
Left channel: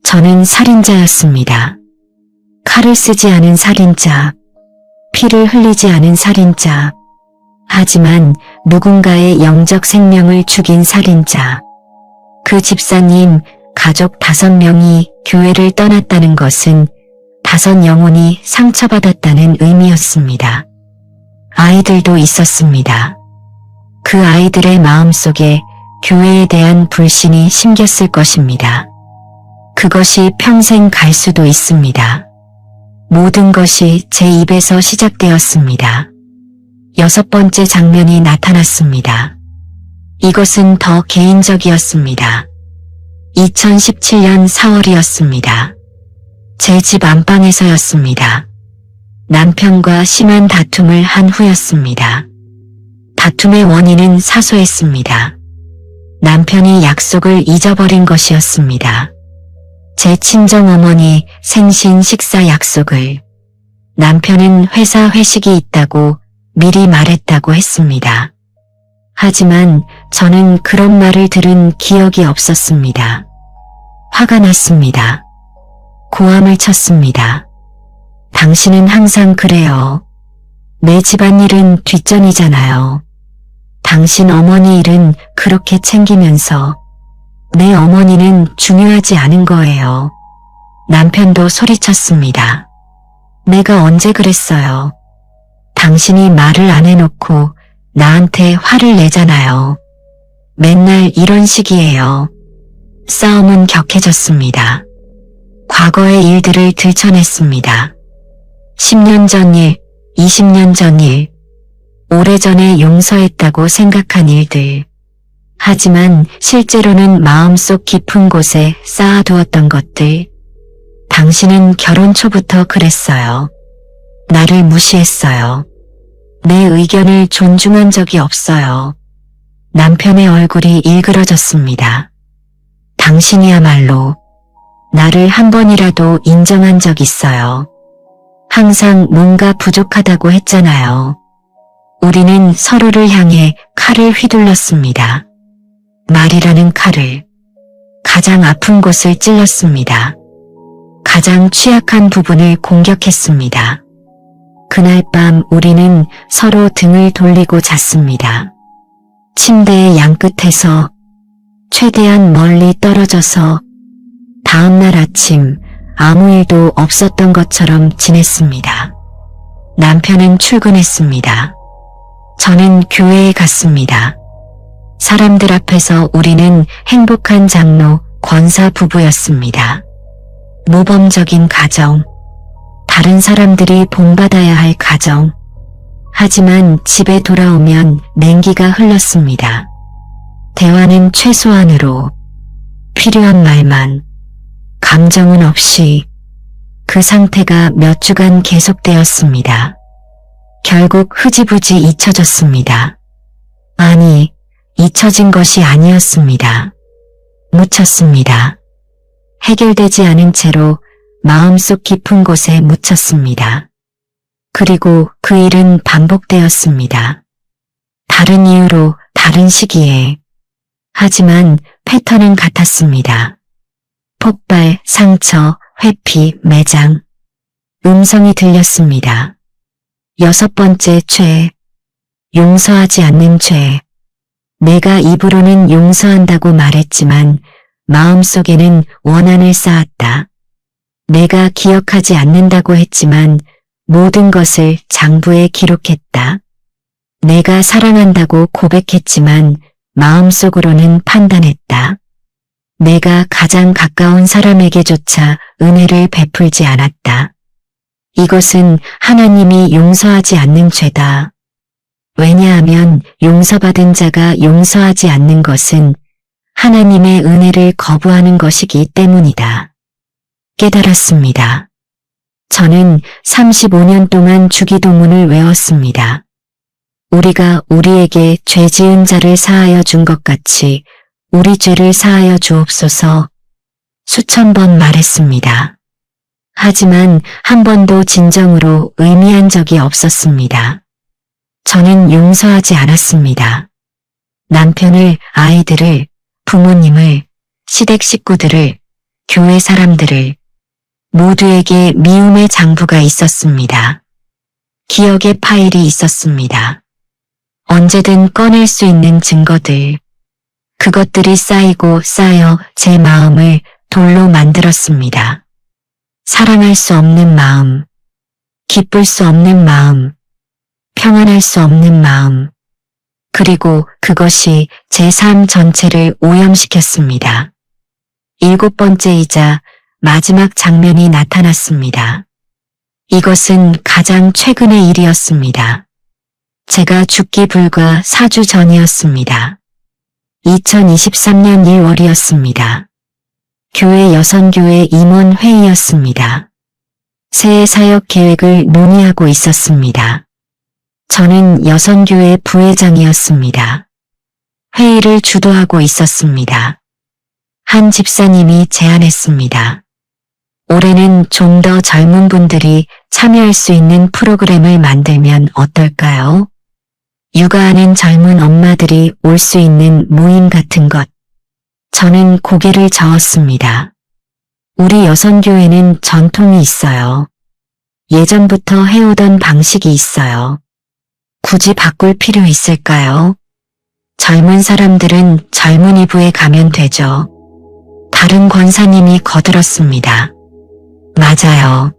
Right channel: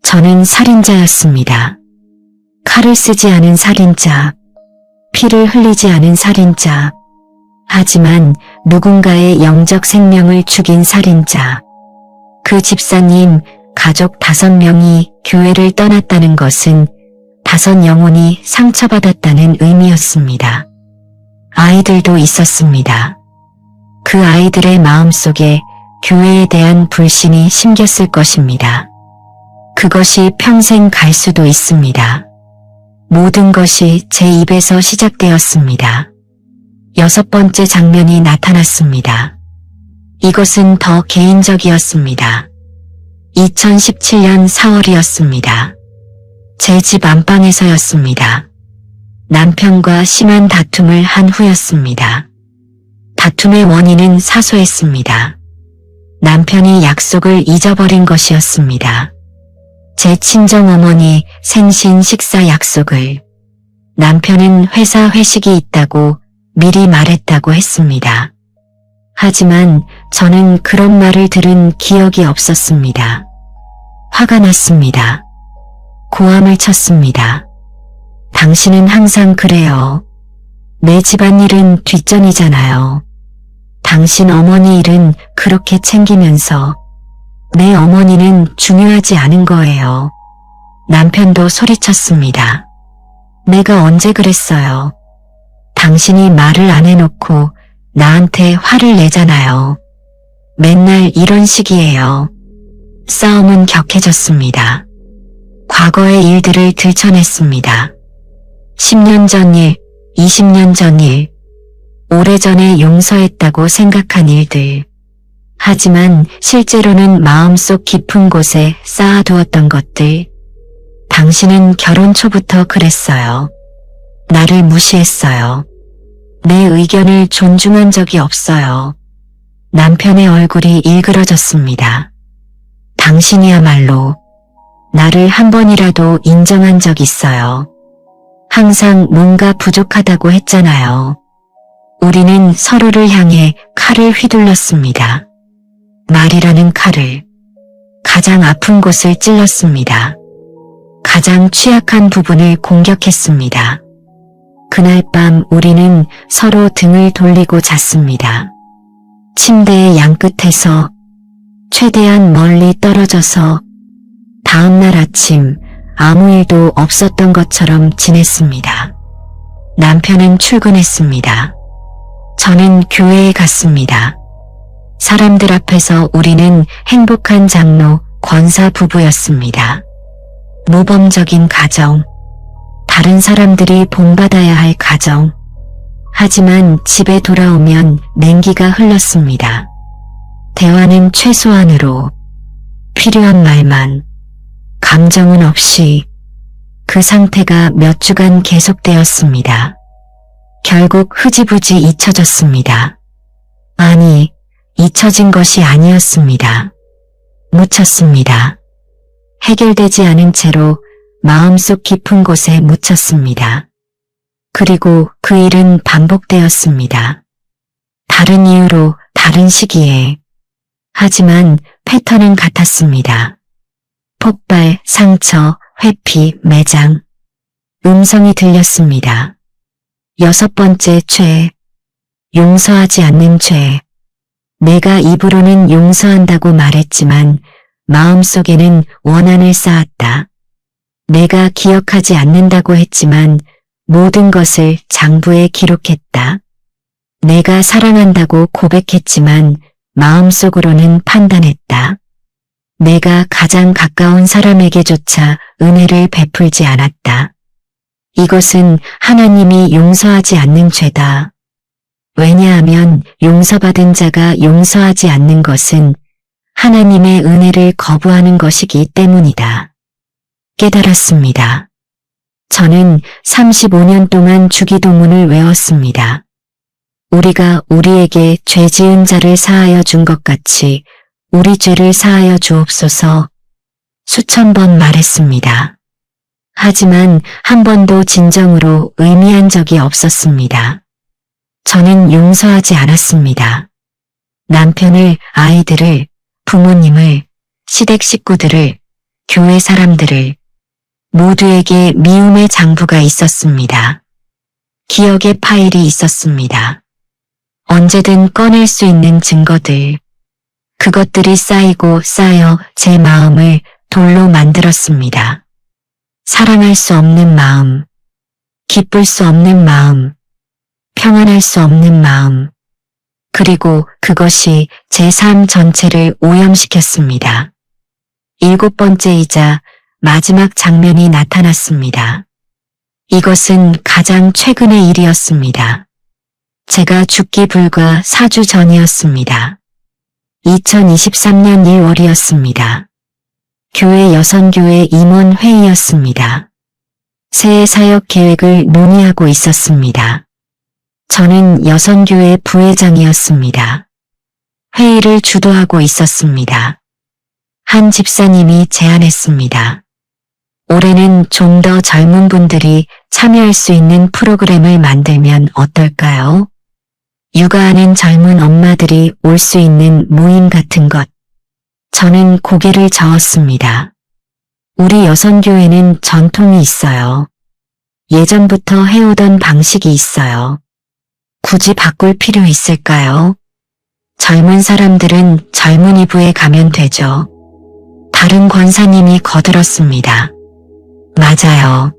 저는 살인자였습니다. 칼을 쓰지 않은 살인자, 피를 흘리지 않은 살인자, 하지만 누군가의 영적 생명을 죽인 살인자. 그 집사님 가족 5명이 교회를 떠났다는 것은 5 영혼이 상처받았다는 의미였습니다. 아이들도 있었습니다. 그 아이들의 마음속에 교회에 대한 불신이 심겼을 것입니다. 그것이 평생 갈 수도 있습니다. 모든 것이 제 입에서 시작되었습니다. 6번째 장면이 나타났습니다. 이것은 더 개인적이었습니다. 2017년 4월이었습니다. 제 집 안방에서였습니다. 남편과 심한 다툼을 한 후였습니다. 다툼의 원인은 사소했습니다. 남편이 약속을 잊어버린 것이었습니다. 제 친정어머니 생신 식사 약속을 남편은 회사 회식이 있다고 미리 말했다고 했습니다. 하지만 저는 그런 말을 들은 기억이 없었습니다. 화가 났습니다. 고함을 쳤습니다. 당신은 항상 그래요. 내 집안일은 뒷전이잖아요. 당신 어머니 일은 그렇게 챙기면서 내 어머니는 중요하지 않은 거예요. 남편도 소리쳤습니다. 내가 언제 그랬어요. 당신이 말을 안 해놓고 나한테 화를 내잖아요. 맨날 이런 식이에요. 싸움은 격해졌습니다. 과거의 일들을 들춰냈습니다. 10년 전 일, 20년 전 일, 오래전에 용서했다고 생각한 일들. 하지만 실제로는 마음속 깊은 곳에 쌓아두었던 것들. 당신은 결혼 초부터 그랬어요. 나를 무시했어요. 내 의견을 존중한 적이 없어요. 남편의 얼굴이 일그러졌습니다. 당신이야말로 나를 한 번이라도 인정한 적 있어요. 항상 뭔가 부족하다고 했잖아요. 우리는 서로를 향해 칼을 휘둘렀습니다. 말이라는 칼을 가장 아픈 곳을 찔렀습니다. 가장 취약한 부분을 공격했습니다. 그날 밤 우리는 서로 등을 돌리고 잤습니다. 침대의 양끝에서 최대한 멀리 떨어져서 다음날 아침 아무 일도 없었던 것처럼 지냈습니다. 남편은 출근했습니다. 저는 교회에 갔습니다. 사람들 앞에서 우리는 행복한 장로 권사 부부였습니다. 모범적인 가정, 다른 사람들이 본받아야 할 가정. 하지만 집에 돌아오면 냉기가 흘렀습니다. 대화는 최소한으로, 필요한 말만, 감정은 없이 그 상태가 몇 주간 계속되었습니다. 결국 흐지부지 잊혀졌습니다. 아니, 잊혀진 것이 아니었습니다. 묻혔습니다. 해결되지 않은 채로 마음속 깊은 곳에 묻혔습니다. 그리고 그 일은 반복되었습니다. 다른 이유로 다른 시기에. 하지만 패턴은 같았습니다. 폭발, 상처, 회피, 매장. 음성이 들렸습니다. 6번째 죄, 용서하지 않는 죄. 내가 입으로는 용서한다고 말했지만 마음속에는 원한을 쌓았다. 내가 기억하지 않는다고 했지만 모든 것을 장부에 기록했다. 내가 사랑한다고 고백했지만 마음속으로는 판단했다. 내가 가장 가까운 사람에게조차 은혜를 베풀지 않았다. 이것은 하나님이 용서하지 않는 죄다. 왜냐하면 용서받은 자가 용서하지 않는 것은 하나님의 은혜를 거부하는 것이기 때문이다. 깨달았습니다. 저는 35년 동안 주기도문을 외웠습니다. 우리가 우리에게 죄 지은 자를 사하여 준 것 같이 우리 죄를 사하여 주옵소서 수천 번 말했습니다. 하지만 한 번도 진정으로 의미한 적이 없었습니다. 저는 용서하지 않았습니다. 남편을, 아이들을, 부모님을, 시댁 식구들을, 교회 사람들을 모두에게 미움의 장부가 있었습니다. 기억의 파일이 있었습니다. 언제든 꺼낼 수 있는 증거들. 그것들이 쌓이고 쌓여 제 마음을 돌로 만들었습니다. 사랑할 수 없는 마음, 기쁠 수 없는 마음, 평안할 수 없는 마음, 그리고 그것이 제 삶 전체를 오염시켰습니다. 7번째이자 마지막 장면이 나타났습니다. 이것은 가장 최근의 일이었습니다. 제가 죽기 불과 4주 전이었습니다. 2023년 2월이었습니다. 교회 여선교회 임원 회의였습니다. 새해 사역 계획을 논의하고 있었습니다. 저는 여선교회 부회장이었습니다. 회의를 주도하고 있었습니다. 한 집사님이 제안했습니다. 올해는 좀 더 젊은 분들이 참여할 수 있는 프로그램을 만들면 어떨까요? 육아하는 젊은 엄마들이 올 수 있는 모임 같은 것. 저는 고개를 저었습니다. 우리 여선교회는 전통이 있어요. 예전부터 해오던 방식이 있어요. 굳이 바꿀 필요 있을까요? 젊은 사람들은 젊은이부에 가면 되죠. 다른 권사님이 거들었습니다. 맞아요.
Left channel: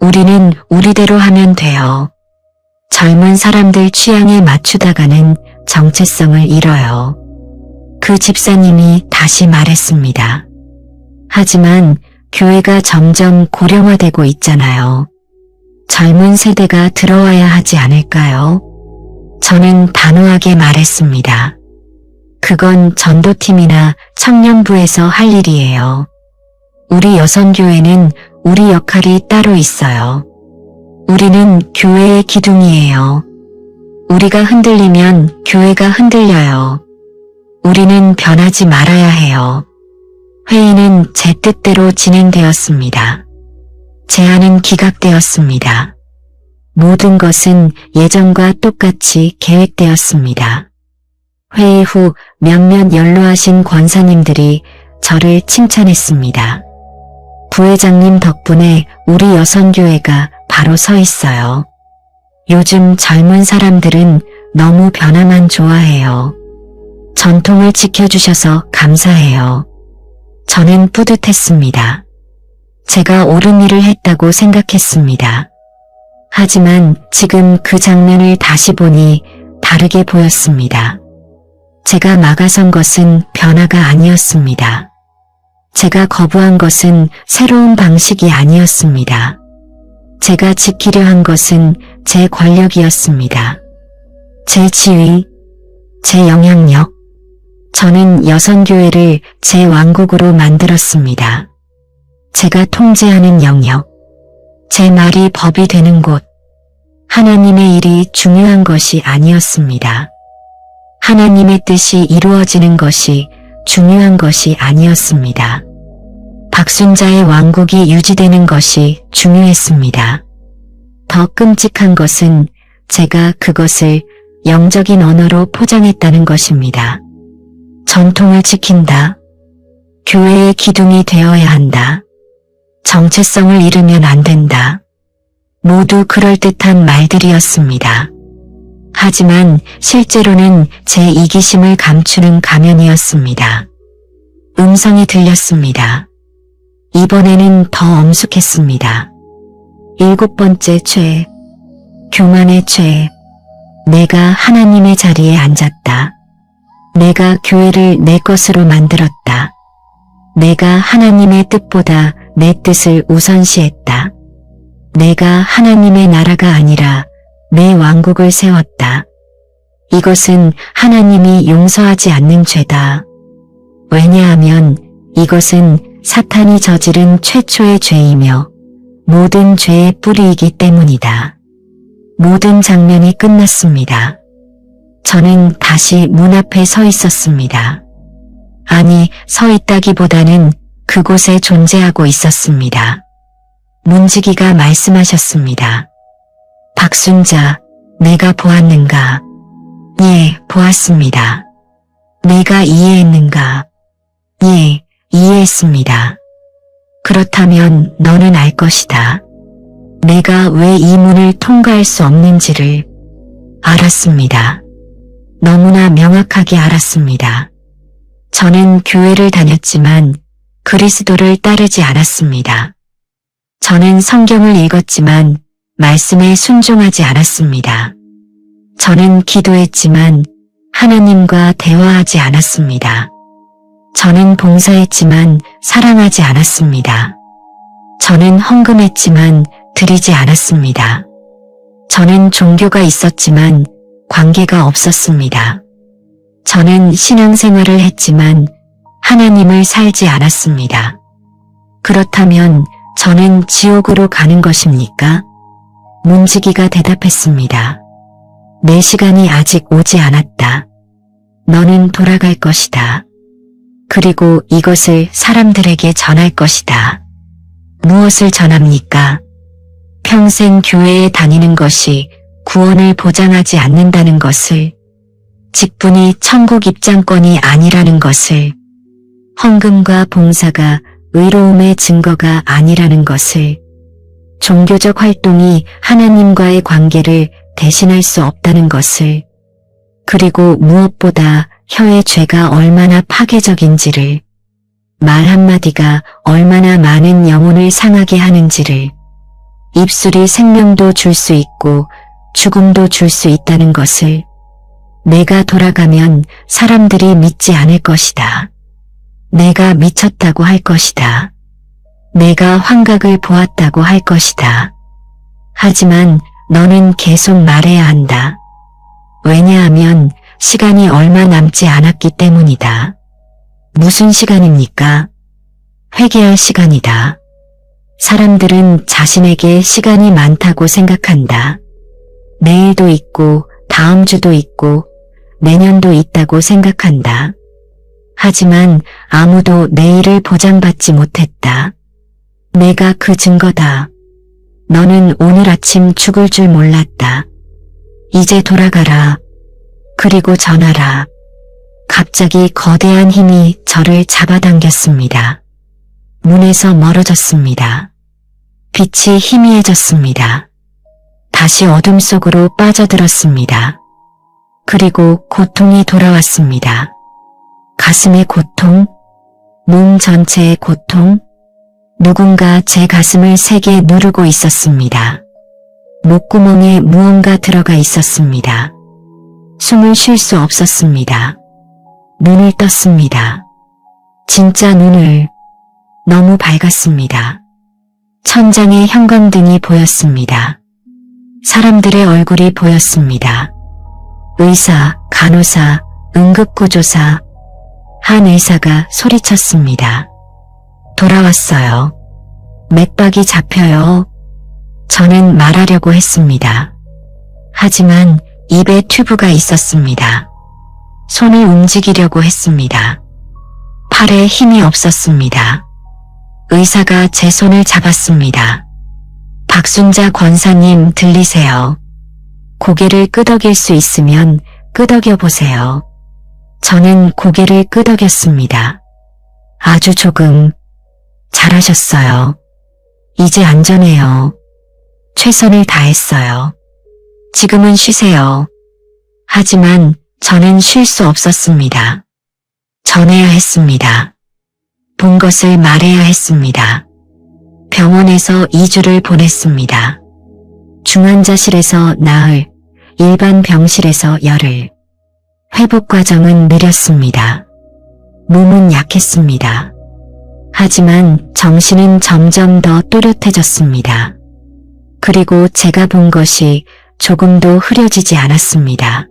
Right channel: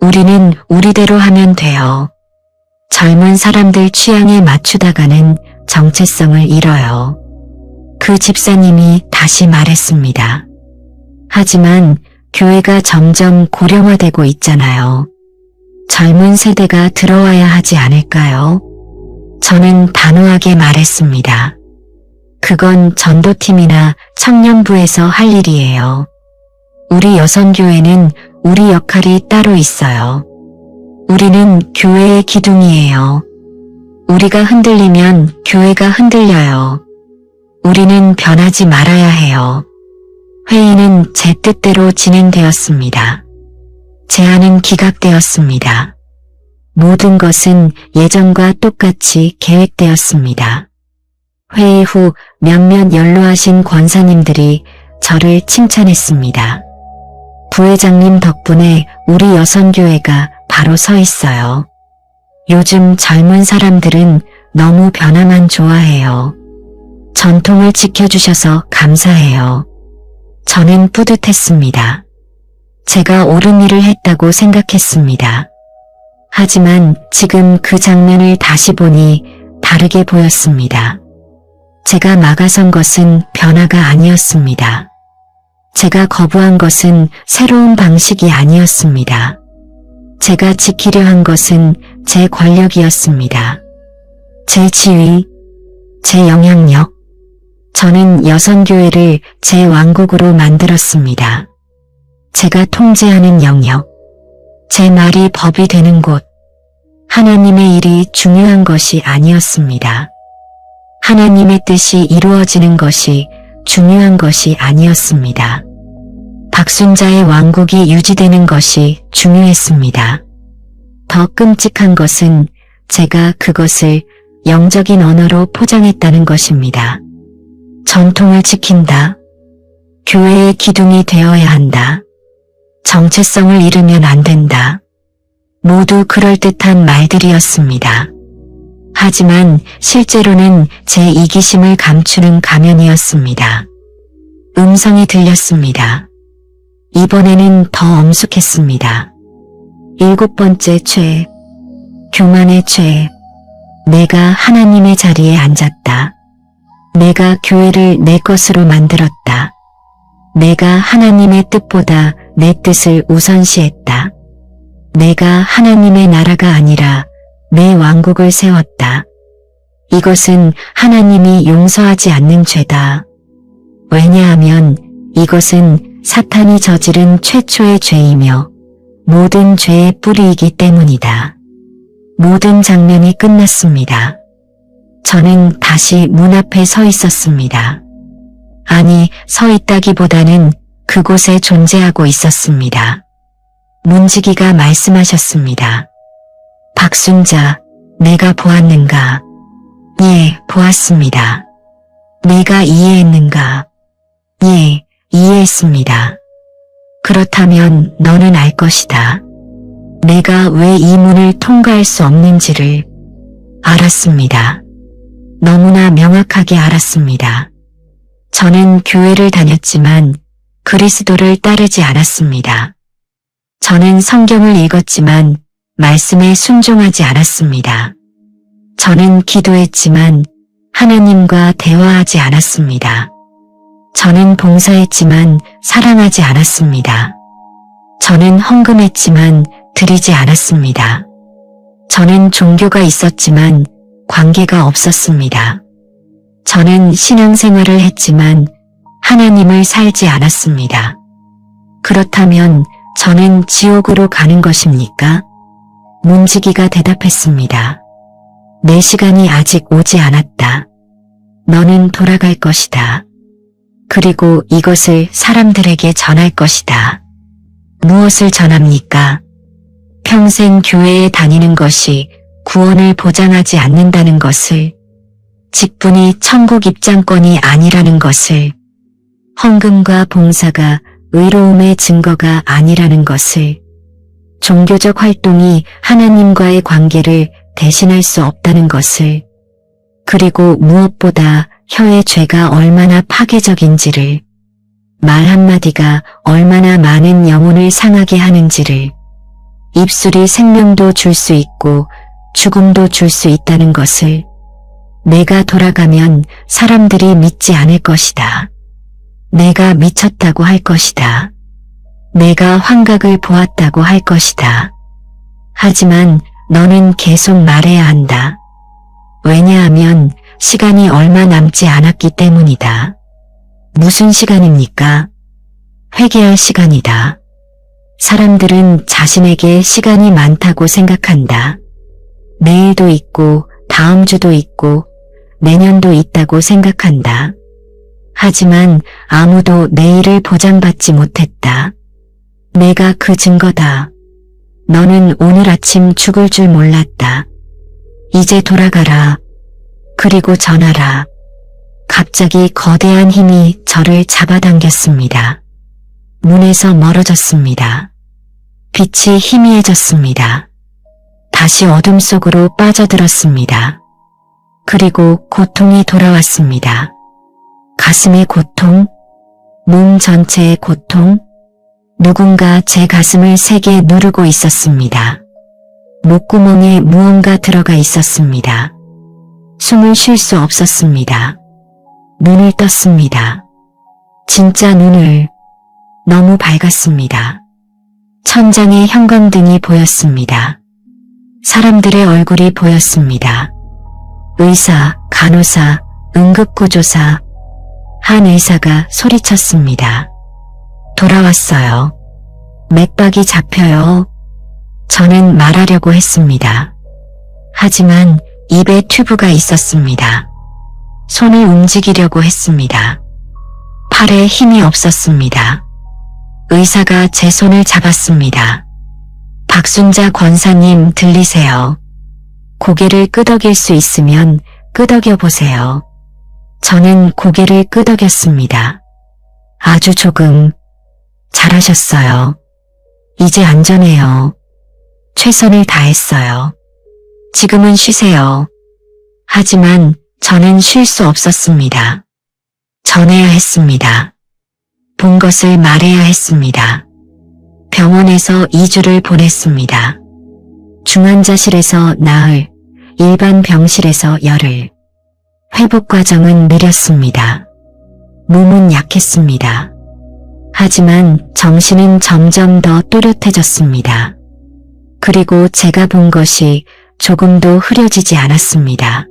우리는 우리대로 하면 돼요. 젊은 사람들 취향에 맞추다가는 정체성을 잃어요. 그 집사님이 다시 말했습니다. 하지만 교회가 점점 고령화되고 있잖아요. 젊은 세대가 들어와야 하지 않을까요? 저는 단호하게 말했습니다. 그건 전도팀이나 청년부에서 할 일이에요. 우리 여선교회는 우리 역할이 따로 있어요. 우리는 교회의 기둥이에요. 우리가 흔들리면 교회가 흔들려요. 우리는 변하지 말아야 해요. 회의는 제 뜻대로 진행되었습니다. 제안은 기각되었습니다. 모든 것은 예전과 똑같이 계획되었습니다. 회의 후 몇몇 연로하신 권사님들이 저를 칭찬했습니다. 부회장님 덕분에 우리 여선교회가 바로 서 있어요. 요즘 젊은 사람들은 너무 변화만 좋아해요. 전통을 지켜주셔서 감사해요. 저는 뿌듯했습니다. 제가 옳은 일을 했다고 생각했습니다. 하지만 지금 그 장면을 다시 보니 다르게 보였습니다. 제가 막아선 것은 변화가 아니었습니다. 제가 거부한 것은 새로운 방식이 아니었습니다. 제가 지키려 한 것은 제 권력이었습니다. 제 지위, 제 영향력. 저는 여선교회를 제 왕국으로 만들었습니다. 제가 통제하는 영역, 제 말이 법이 되는 곳. 하나님의 일이 중요한 것이 아니었습니다. 하나님의 뜻이 이루어지는 것이 중요한 것이 아니었습니다. 박순자의 왕국이 유지되는 것이 중요했습니다. 더 끔찍한 것은 제가 그것을 영적인 언어로 포장했다는 것입니다. 전통을 지킨다. 교회의 기둥이 되어야 한다. 정체성을 잃으면 안 된다. 모두 그럴듯한 말들이었습니다. 하지만 실제로는 제 이기심을 감추는 가면이었습니다. 음성이 들렸습니다. 이번에는 더 엄숙했습니다. 7번째 죄, 교만의 죄. 내가 하나님의 자리에 앉았다. 내가 교회를 내 것으로 만들었다. 내가 하나님의 뜻보다 내 뜻을 우선시했다. 내가 하나님의 나라가 아니라 내 왕국을 세웠다. 이것은 하나님이 용서하지 않는 죄다. 왜냐하면 이것은 사탄이 저지른 최초의 죄이며 모든 죄의 뿌리이기 때문이다. 모든 장면이 끝났습니다. 저는 다시 문 앞에 서 있었습니다. 아니, 서 있다기보다는 그곳에 존재하고 있었습니다. 문지기가 말씀하셨습니다. 박순자, 내가 보았는가? 예, 보았습니다. 내가 이해했는가? 예, 이해했습니다. 그렇다면 너는 알 것이다. 내가 왜 이 문을 통과할 수 없는지를 알았습니다. 너무나 명확하게 알았습니다. 저는 교회를 다녔지만 그리스도를 따르지 않았습니다. 저는 성경을 읽었지만 말씀에 순종하지 않았습니다. 저는 기도했지만 하나님과 대화하지 않았습니다. 저는 봉사했지만 사랑하지 않았습니다. 저는 헌금했지만 드리지 않았습니다. 저는 종교가 있었지만 관계가 없었습니다. 저는 신앙생활을 했지만 하나님을 살지 않았습니다. 그렇다면 저는 지옥으로 가는 것입니까? 문지기가 대답했습니다. 내 시간이 아직 오지 않았다. 너는 돌아갈 것이다. 그리고 이것을 사람들에게 전할 것이다. 무엇을 전합니까? 평생 교회에 다니는 것이 구원을 보장하지 않는다는 것을, 직분이 천국 입장권이 아니라는 것을, 헌금과 봉사가 의로움의 증거가 아니라는 것을, 종교적 활동이 하나님과의 관계를 대신할 수 없다는 것을, 그리고 무엇보다 혀의 죄가 얼마나 파괴적인지를, 말 한마디가 얼마나 많은 영혼을 상하게 하는지를, 입술이 생명도 줄 수 있고 죽음도 줄 수 있다는 것을, 내가 돌아가면 사람들이 믿지 않을 것이다. 내가 미쳤다고 할 것이다. 내가 환각을 보았다고 할 것이다. 하지만 너는 계속 말해야 한다. 왜냐하면 시간이 얼마 남지 않았기 때문이다. 무슨 시간입니까? 회개할 시간이다. 사람들은 자신에게 시간이 많다고 생각한다. 내일도 있고 다음 주도 있고 내년도 있다고 생각한다. 하지만 아무도 내일을 보장받지 못했다. 내가 그 증거다. 너는 오늘 아침 죽을 줄 몰랐다. 이제 돌아가라. 그리고 전하라. 갑자기 거대한 힘이 저를 잡아당겼습니다. 문에서 멀어졌습니다. 빛이 희미해졌습니다. 다시 어둠 속으로 빠져들었습니다. 그리고 고통이 돌아왔습니다. 가슴의 고통, 몸 전체의 고통, 누군가 제 가슴을 세게 누르고 있었습니다. 목구멍에 무언가 들어가 있었습니다. 숨을 쉴 수 없었습니다. 눈을 떴습니다. 진짜 눈을. 너무 밝았습니다. 천장에 형광등이 보였습니다. 사람들의 얼굴이 보였습니다. 의사, 간호사, 응급구조사, 한 의사가 소리쳤습니다. 돌아왔어요. 맥박이 잡혀요. 저는 말하려고 했습니다. 하지만 입에 튜브가 있었습니다. 손을 움직이려고 했습니다. 팔에 힘이 없었습니다. 의사가 제 손을 잡았습니다. 박순자 권사님 들리세요? 고개를 끄덕일 수 있으면 끄덕여 보세요. 저는 고개를 끄덕였습니다. 아주 조금. 잘하셨어요. 이제 안전해요. 최선을 다했어요. 지금은 쉬세요. 하지만 저는 쉴 수 없었습니다. 전해야 했습니다. 본 것을 말해야 했습니다. 병원에서 2주를 보냈습니다. 중환자실에서 나흘, 일반 병실에서 열흘. 회복 과정은 느렸습니다. 몸은 약했습니다. 하지만 정신은 점점 더 또렷해졌습니다. 그리고 제가 본 것이 조금도 흐려지지 않았습니다.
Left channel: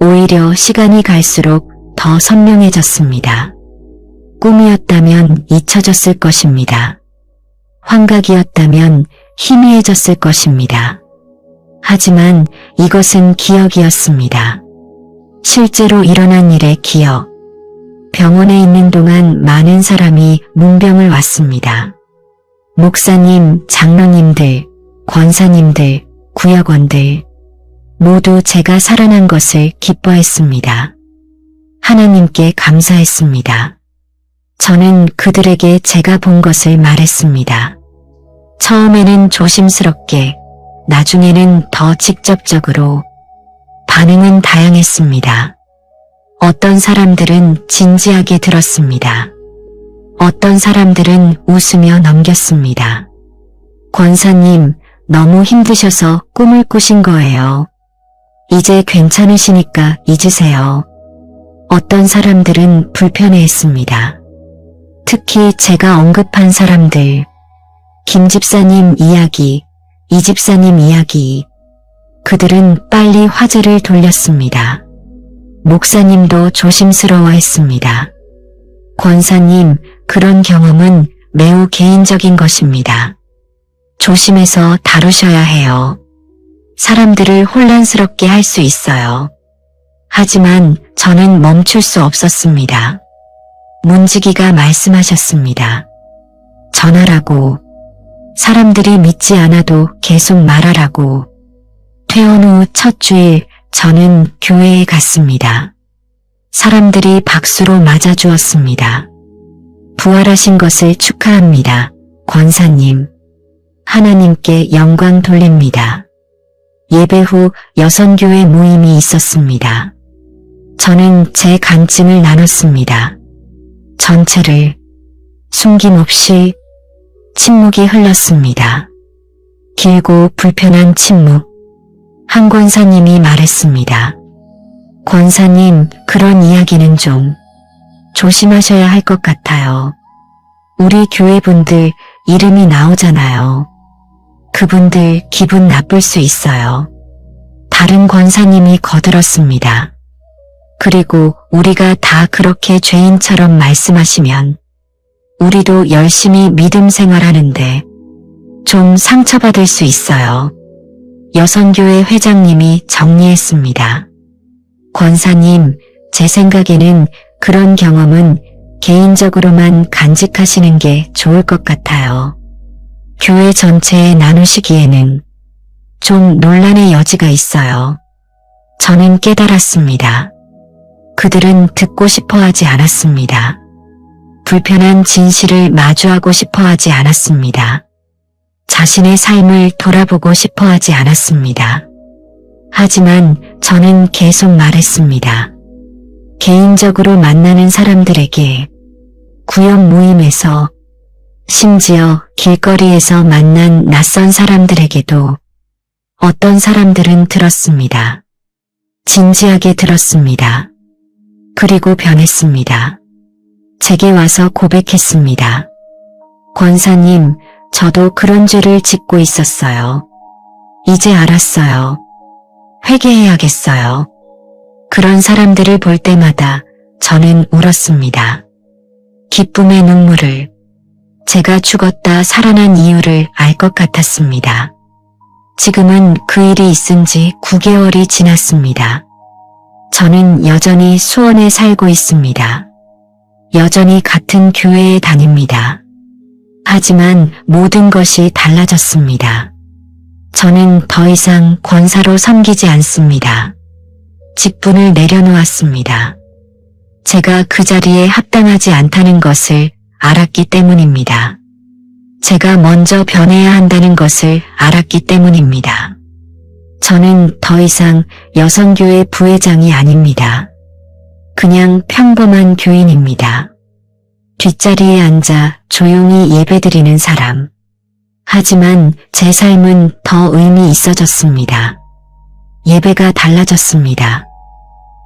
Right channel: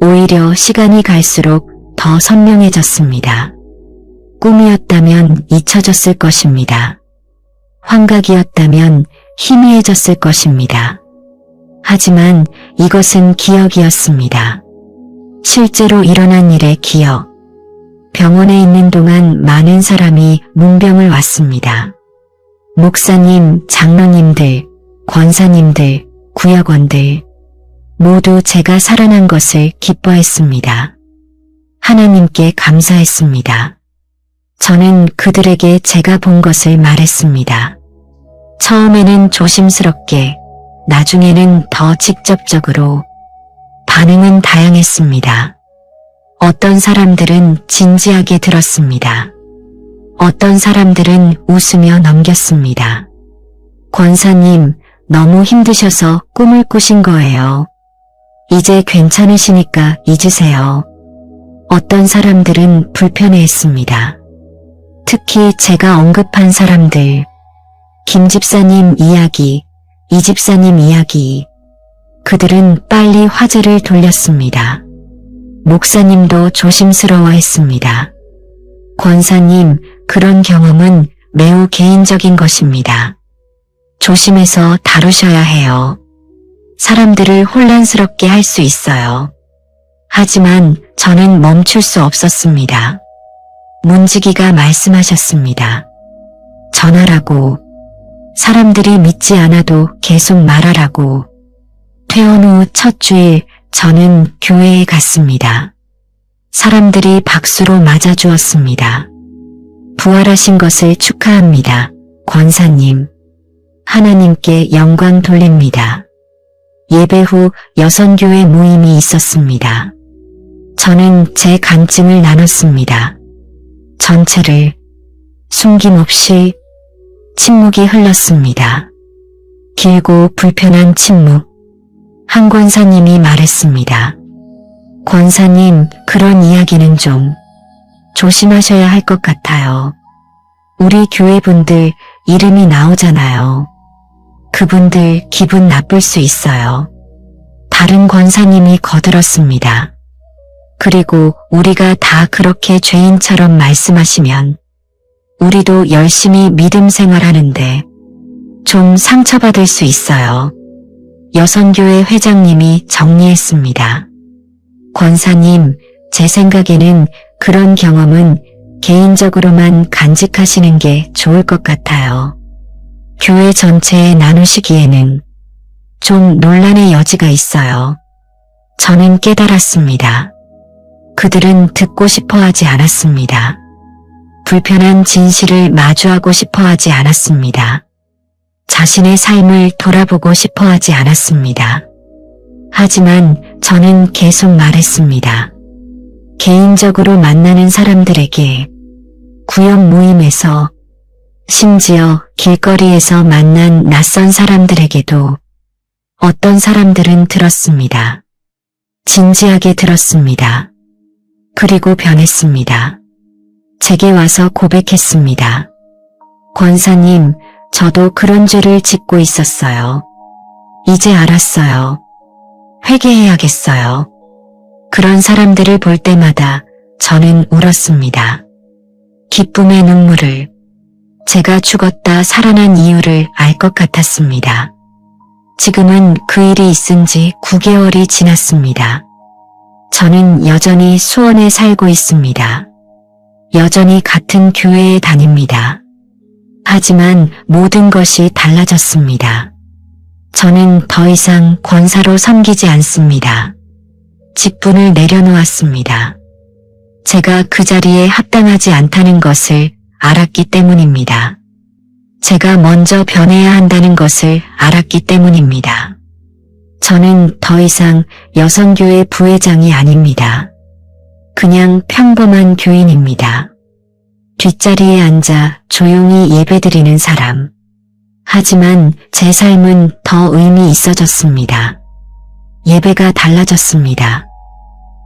오히려 시간이 갈수록 더 선명해졌습니다. 꿈이었다면 잊혀졌을 것입니다. 환각이었다면 희미해졌을 것입니다. 하지만 이것은 기억이었습니다. 실제로 일어난 일의 기억. 병원에 있는 동안 많은 사람이 문병을 왔습니다. 목사님, 장로님들, 권사님들, 구역원들 모두 제가 살아난 것을 기뻐했습니다. 하나님께 감사했습니다. 저는 그들에게 제가 본 것을 말했습니다. 처음에는 조심스럽게, 나중에는 더 직접적으로. 반응은 다양했습니다. 어떤 사람들은 진지하게 들었습니다. 어떤 사람들은 웃으며 넘겼습니다. 권사님, 너무 힘드셔서 꿈을 꾸신 거예요. 이제 괜찮으시니까 잊으세요. 어떤 사람들은 불편해했습니다. 특히 제가 언급한 사람들, 김 집사님 이야기, 이 집사님 이야기, 그들은 빨리 화제를 돌렸습니다. 목사님도 조심스러워했습니다. 권사님, 그런 경험은 매우 개인적인 것입니다. 조심해서 다루셔야 해요. 사람들을 혼란스럽게 할 수 있어요. 하지만 저는 멈출 수 없었습니다. 문지기가 말씀하셨습니다. 전하라고. 사람들이 믿지 않아도 계속 말하라고. 퇴원 후 첫 주일 저는 교회에 갔습니다. 사람들이 박수를 맞아주었습니다. 부활하신 것을 축하합니다. 권사님. 하나님께 영광 돌립니다. 예배 후 여성교회 모임이 있었습니다. 저는 제 간증을 나눴습니다. 전체를 숨김없이 침묵이 흘렀습니다. 길고 불편한 침묵. 한 권사님이 말했습니다. 권사님, 그런 이야기는 좀 조심하셔야 할 것 같아요. 우리 교회분들 이름이 나오잖아요. 그분들 기분 나쁠 수 있어요. 다른 권사님이 거들었습니다. 그리고 우리가 다 그렇게 죄인처럼 말씀하시면 우리도 열심히 믿음 생활하는데 좀 상처받을 수 있어요. 여성교회 회장님이 정리했습니다. 권사님, 제 생각에는 그런 경험은 개인적으로만 간직하시는 게 좋을 것 같아요. 교회 전체에 나누시기에는 좀 논란의 여지가 있어요. 저는 깨달았습니다. 그들은 듣고 싶어 하지 않았습니다. 불편한 진실을 마주하고 싶어 하지 않았습니다. 자신의 삶을 돌아보고 싶어 하지 않았습니다. 하지만 저는 계속 말했습니다. 개인적으로 만나는 사람들에게, 구역 모임에서, 심지어 길거리에서 만난 낯선 사람들에게도 어떤 사람들은 들었습니다. 진지하게 들었습니다. 그리고 변했습니다. 제게 와서 고백했습니다. 권사님, 저도 그런 죄를 짓고 있었어요. 이제 알았어요. 회개해야겠어요. 그런 사람들을 볼 때마다 저는 울었습니다. 기쁨의 눈물을, 제가 죽었다 살아난 이유를 알 것 같았습니다. 지금은 그 일이 있은 지 9개월이 지났습니다. 저는 여전히 수원에 살고 있습니다. 여전히 같은 교회에 다닙니다. 하지만 모든 것이 달라졌습니다. 저는 더 이상 권사로 섬기지 않습니다. 직분을 내려놓았습니다. 제가 그 자리에 합당하지 않다는 것을 알았기 때문입니다. 제가 먼저 변해야 한다는 것을 알았기 때문입니다. 저는 더 이상 여성교회 부회장이 아닙니다. 그냥 평범한 교인입니다. 뒷자리에 앉아 조용히 예배드리는 사람. 하지만 제 삶은 더 의미 있어졌습니다. 예배가 달라졌습니다.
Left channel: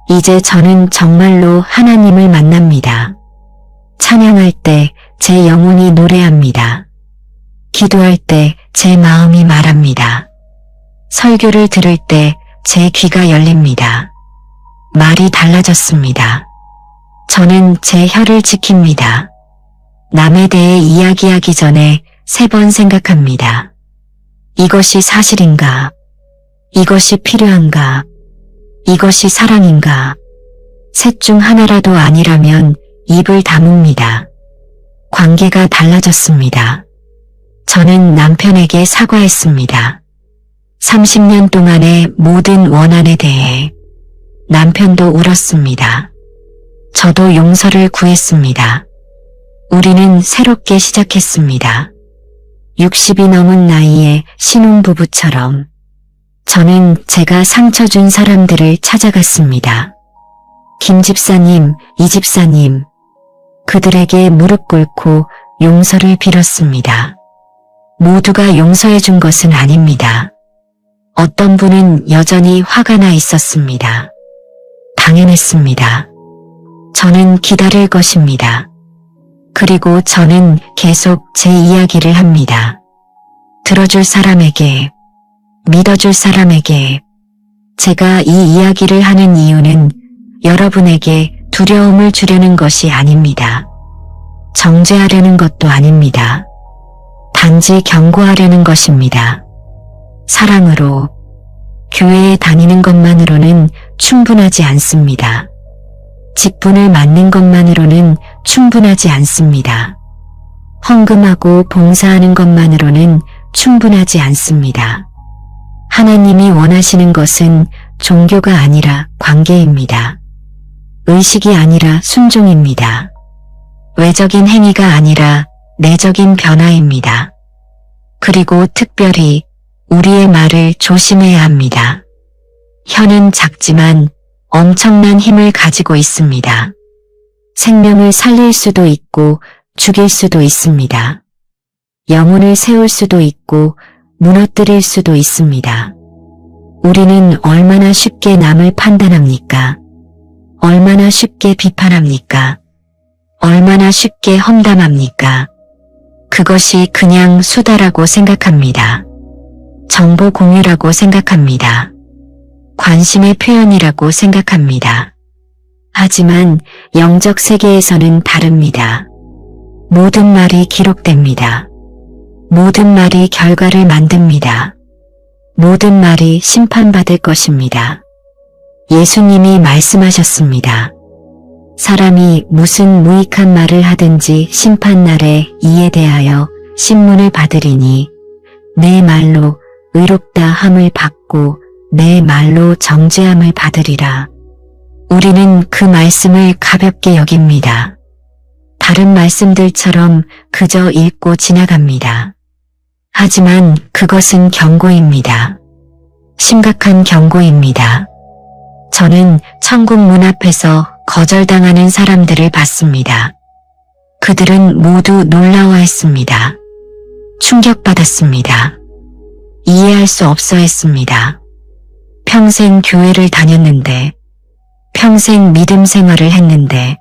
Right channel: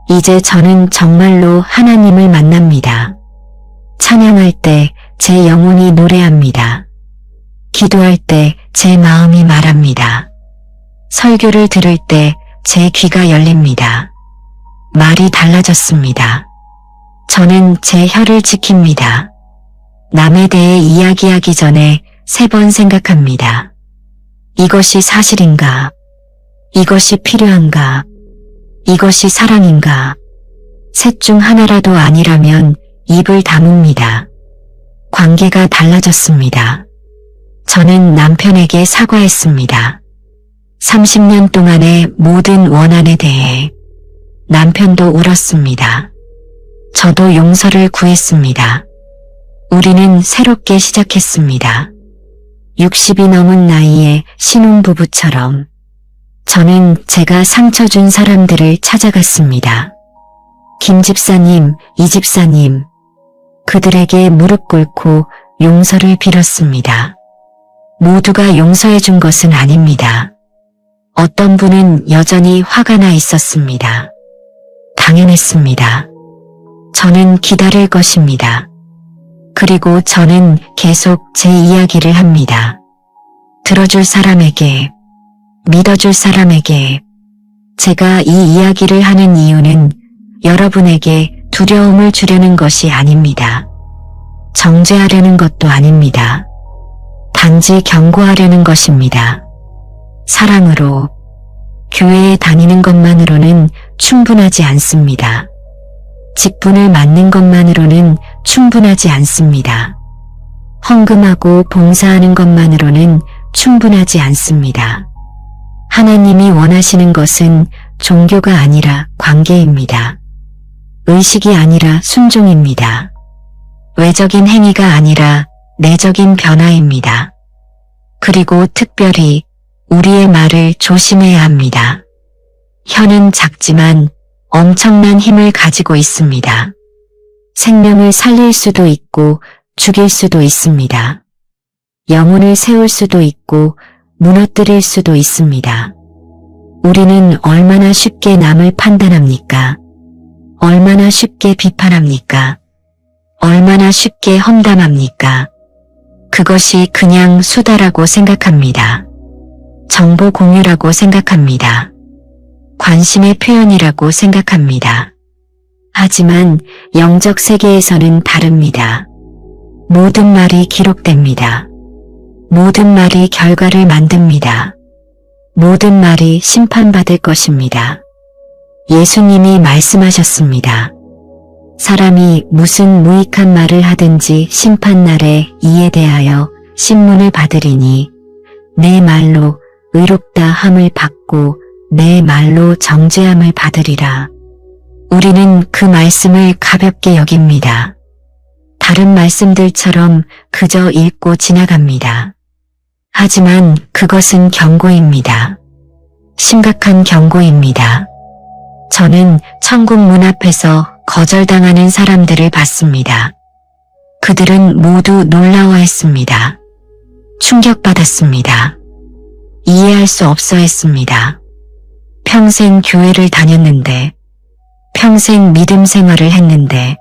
이제 저는 정말로 하나님을 만납니다. 찬양할 때 제 영혼이 노래합니다. 기도할 때 제 마음이 말합니다. 설교를 들을 때 제 귀가 열립니다. 말이 달라졌습니다. 저는 제 혀를 지킵니다. 남에 대해 이야기하기 전에 3번 생각합니다. 이것이 사실인가? 이것이 필요한가? 이것이 사랑인가? 셋 중 하나라도 아니라면 입을 다뭅니다. 관계가 달라졌습니다. 저는 남편에게 사과했습니다. 30년 동안의 모든 원한에 대해. 남편도 울었습니다. 저도 용서를 구했습니다. 우리는 새롭게 시작했습니다. 60이 넘은 나이에 신혼부부처럼 저는 제가 상처 준 사람들을 찾아갔습니다. 김 집사님, 이 집사님, 그들에게 무릎 꿇고 용서를 빌었습니다. 모두가 용서해 준 것은 아닙니다. 어떤 분은 여전히 화가 나 있었습니다. 당연했습니다. 저는 기다릴 것입니다. 그리고 저는 계속 제 이야기를 합니다. 들어줄 사람에게, 믿어줄 사람에게 제가 이 이야기를 하는 이유는 여러분에게 두려움을 주려는 것이 아닙니다. 정죄하려는 것도 아닙니다. 단지 경고하려는 것입니다. 사랑으로 교회에 다니는 것만으로는 충분하지 않습니다. 직분을 맡는 것만으로는 충분하지 않습니다. 헌금하고 봉사하는 것만으로는 충분하지 않습니다. 하나님이 원하시는 것은 종교가 아니라 관계입니다. 의식이 아니라 순종입니다. 외적인 행위가 아니라 내적인 변화입니다. 그리고 특별히 우리의 말을 조심해야 합니다. 혀는 작지만 엄청난 힘을 가지고 있습니다. 생명을 살릴 수도 있고 죽일 수도 있습니다. 영혼을 세울 수도 있고 무너뜨릴 수도 있습니다. 우리는 얼마나 쉽게 남을 판단합니까? 얼마나 쉽게 비판합니까? 얼마나 쉽게 험담합니까? 그것이 그냥 수다라고 생각합니다. 정보 공유라고 생각합니다. 관심의 표현이라고 생각합니다. 하지만 영적 세계에서는 다릅니다. 모든 말이 기록됩니다. 모든 말이 결과를 만듭니다. 모든 말이 심판받을 것입니다. 예수님이 말씀하셨습니다. 사람이 무슨 무익한 말을 하든지 심판날에 이에 대하여 신문을 받으리니 내 말로 의롭다 함을 받고 내 말로 정죄함을 받으리라. 우리는 그 말씀을 가볍게 여깁니다. 다른 말씀들처럼 그저 읽고 지나갑니다. 하지만 그것은 경고입니다. 심각한 경고입니다. 저는 천국 문 앞에서 거절당하는 사람들을 봤습니다. 그들은 모두 놀라워했습니다. 충격받았습니다. 이해할 수 없어 했습니다. 평생 교회를 다녔는데, 평생 믿음 생활을 했는데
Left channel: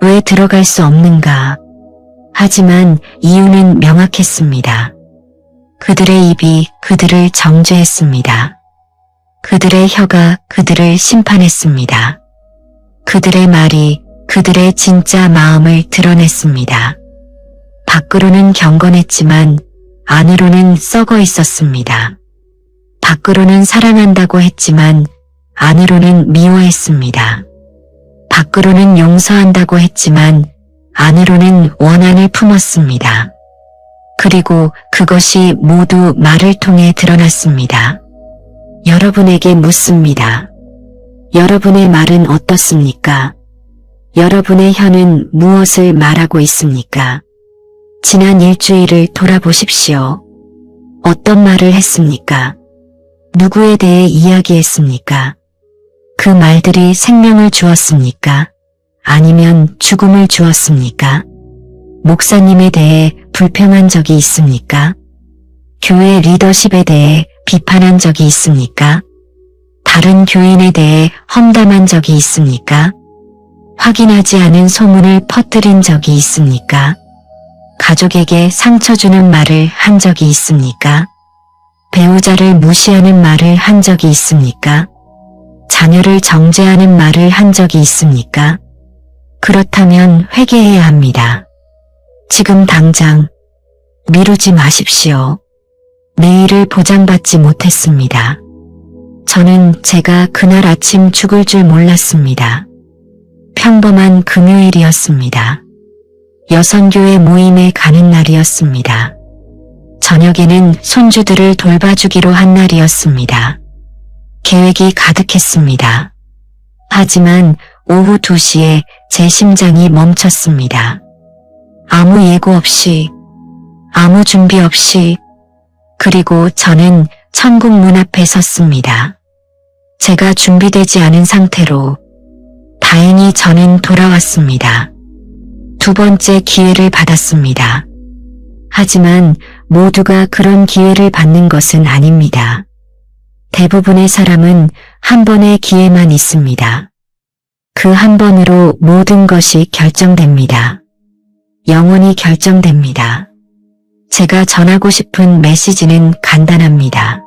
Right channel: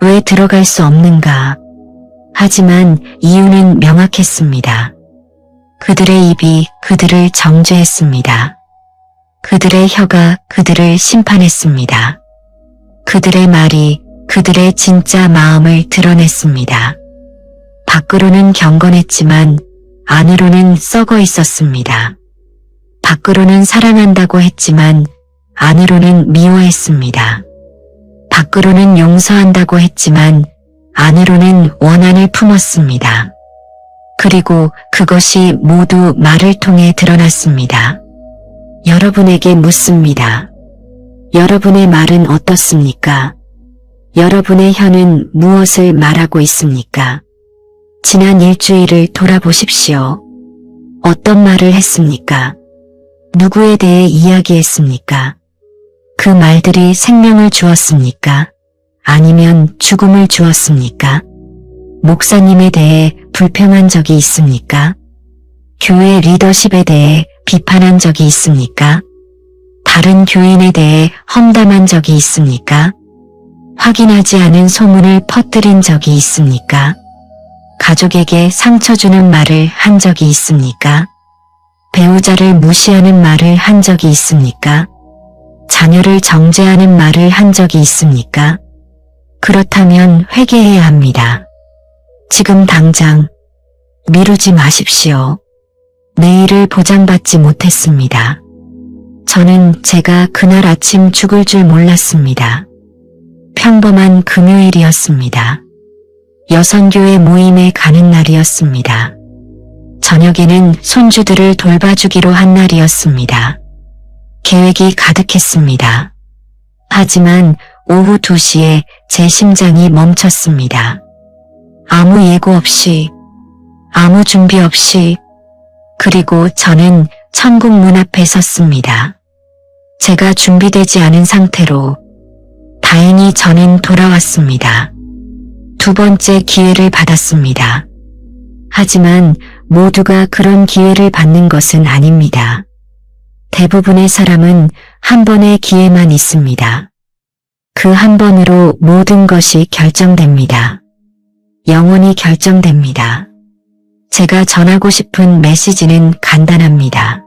왜 들어갈 수 없는가? 하지만 이유는 명확했습니다. 그들의 입이 그들을 정죄했습니다. 그들의 혀가 그들을 심판했습니다. 그들의 말이 그들의 진짜 마음을 드러냈습니다. 밖으로는 경건했지만 안으로는 썩어 있었습니다. 밖으로는 사랑한다고 했지만 안으로는 미워했습니다. 밖으로는 용서한다고 했지만 안으로는 원한을 품었습니다. 그리고 그것이 모두 말을 통해 드러났습니다. 여러분에게 묻습니다. 여러분의 말은 어떻습니까? 여러분의 혀는 무엇을 말하고 있습니까? 지난 일주일을 돌아보십시오. 어떤 말을 했습니까? 누구에 대해 이야기했습니까? 그 말들이 생명을 주었습니까? 아니면 죽음을 주었습니까? 목사님에 대해 불평한 적이 있습니까? 교회 리더십에 대해 비판한 적이 있습니까? 다른 교인에 대해 험담한 적이 있습니까? 확인하지 않은 소문을 퍼뜨린 적이 있습니까? 가족에게 상처 주는 말을 한 적이 있습니까? 배우자를 무시하는 말을 한 적이 있습니까? 자녀를 정죄하는 말을 한 적이 있습니까? 그렇다면 회개해야 합니다. 지금 당장 미루지 마십시오. 내일을 보장받지 못했습니다. 저는 제가 그날 아침 죽을 줄 몰랐습니다. 평범한 금요일이었습니다. 여성교회 모임에 가는 날이었습니다. 저녁에는 손주들을 돌봐주기로 한 날이었습니다. 계획이 가득했습니다. 하지만 오후 2시에 제 심장이 멈췄습니다. 아무 예고 없이, 아무 준비 없이, 그리고 저는 천국 문 앞에 섰습니다. 제가 준비되지 않은 상태로 다행히 저는 돌아왔습니다. 두 번째 기회를 받았습니다. 하지만 모두가 그런 기회를 받는 것은 아닙니다. 대부분의 사람은 한 번의 기회만 있습니다. 그 한 번으로 모든 것이 결정됩니다. 영원히 결정됩니다. 제가 전하고 싶은 메시지는 간단합니다.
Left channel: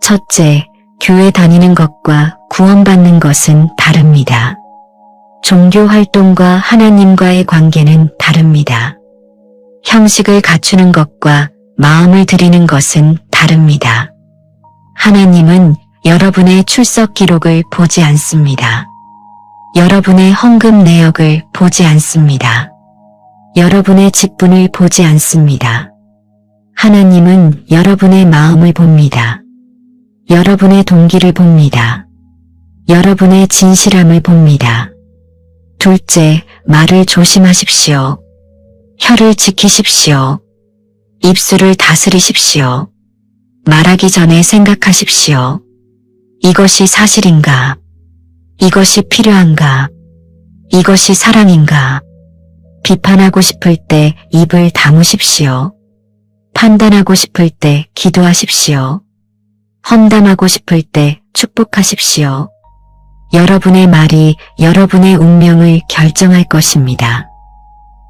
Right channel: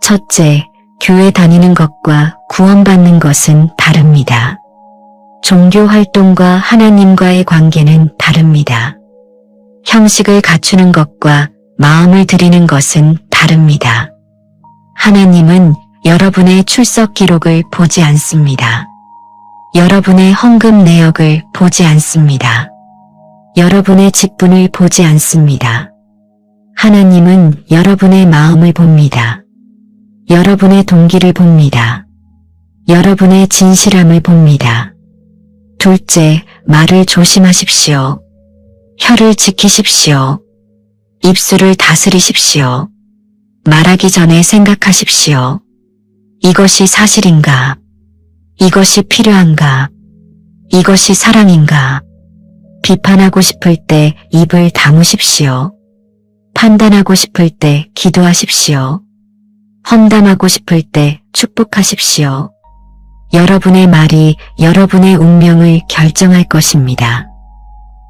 첫째, 교회 다니는 것과 구원받는 것은 다릅니다. 종교 활동과 하나님과의 관계는 다릅니다. 형식을 갖추는 것과 마음을 드리는 것은 다릅니다. 하나님은 여러분의 출석 기록을 보지 않습니다. 여러분의 헌금 내역을 보지 않습니다. 여러분의 직분을 보지 않습니다. 하나님은 여러분의 마음을 봅니다. 여러분의 동기를 봅니다. 여러분의 진실함을 봅니다. 둘째, 말을 조심하십시오. 혀를 지키십시오. 입술을 다스리십시오. 말하기 전에 생각하십시오. 이것이 사실인가? 이것이 필요한가? 이것이 사랑인가? 비판하고 싶을 때 입을 다무십시오. 판단하고 싶을 때 기도하십시오. 험담하고 싶을 때 축복하십시오. 여러분의 말이 여러분의 운명을 결정할 것입니다.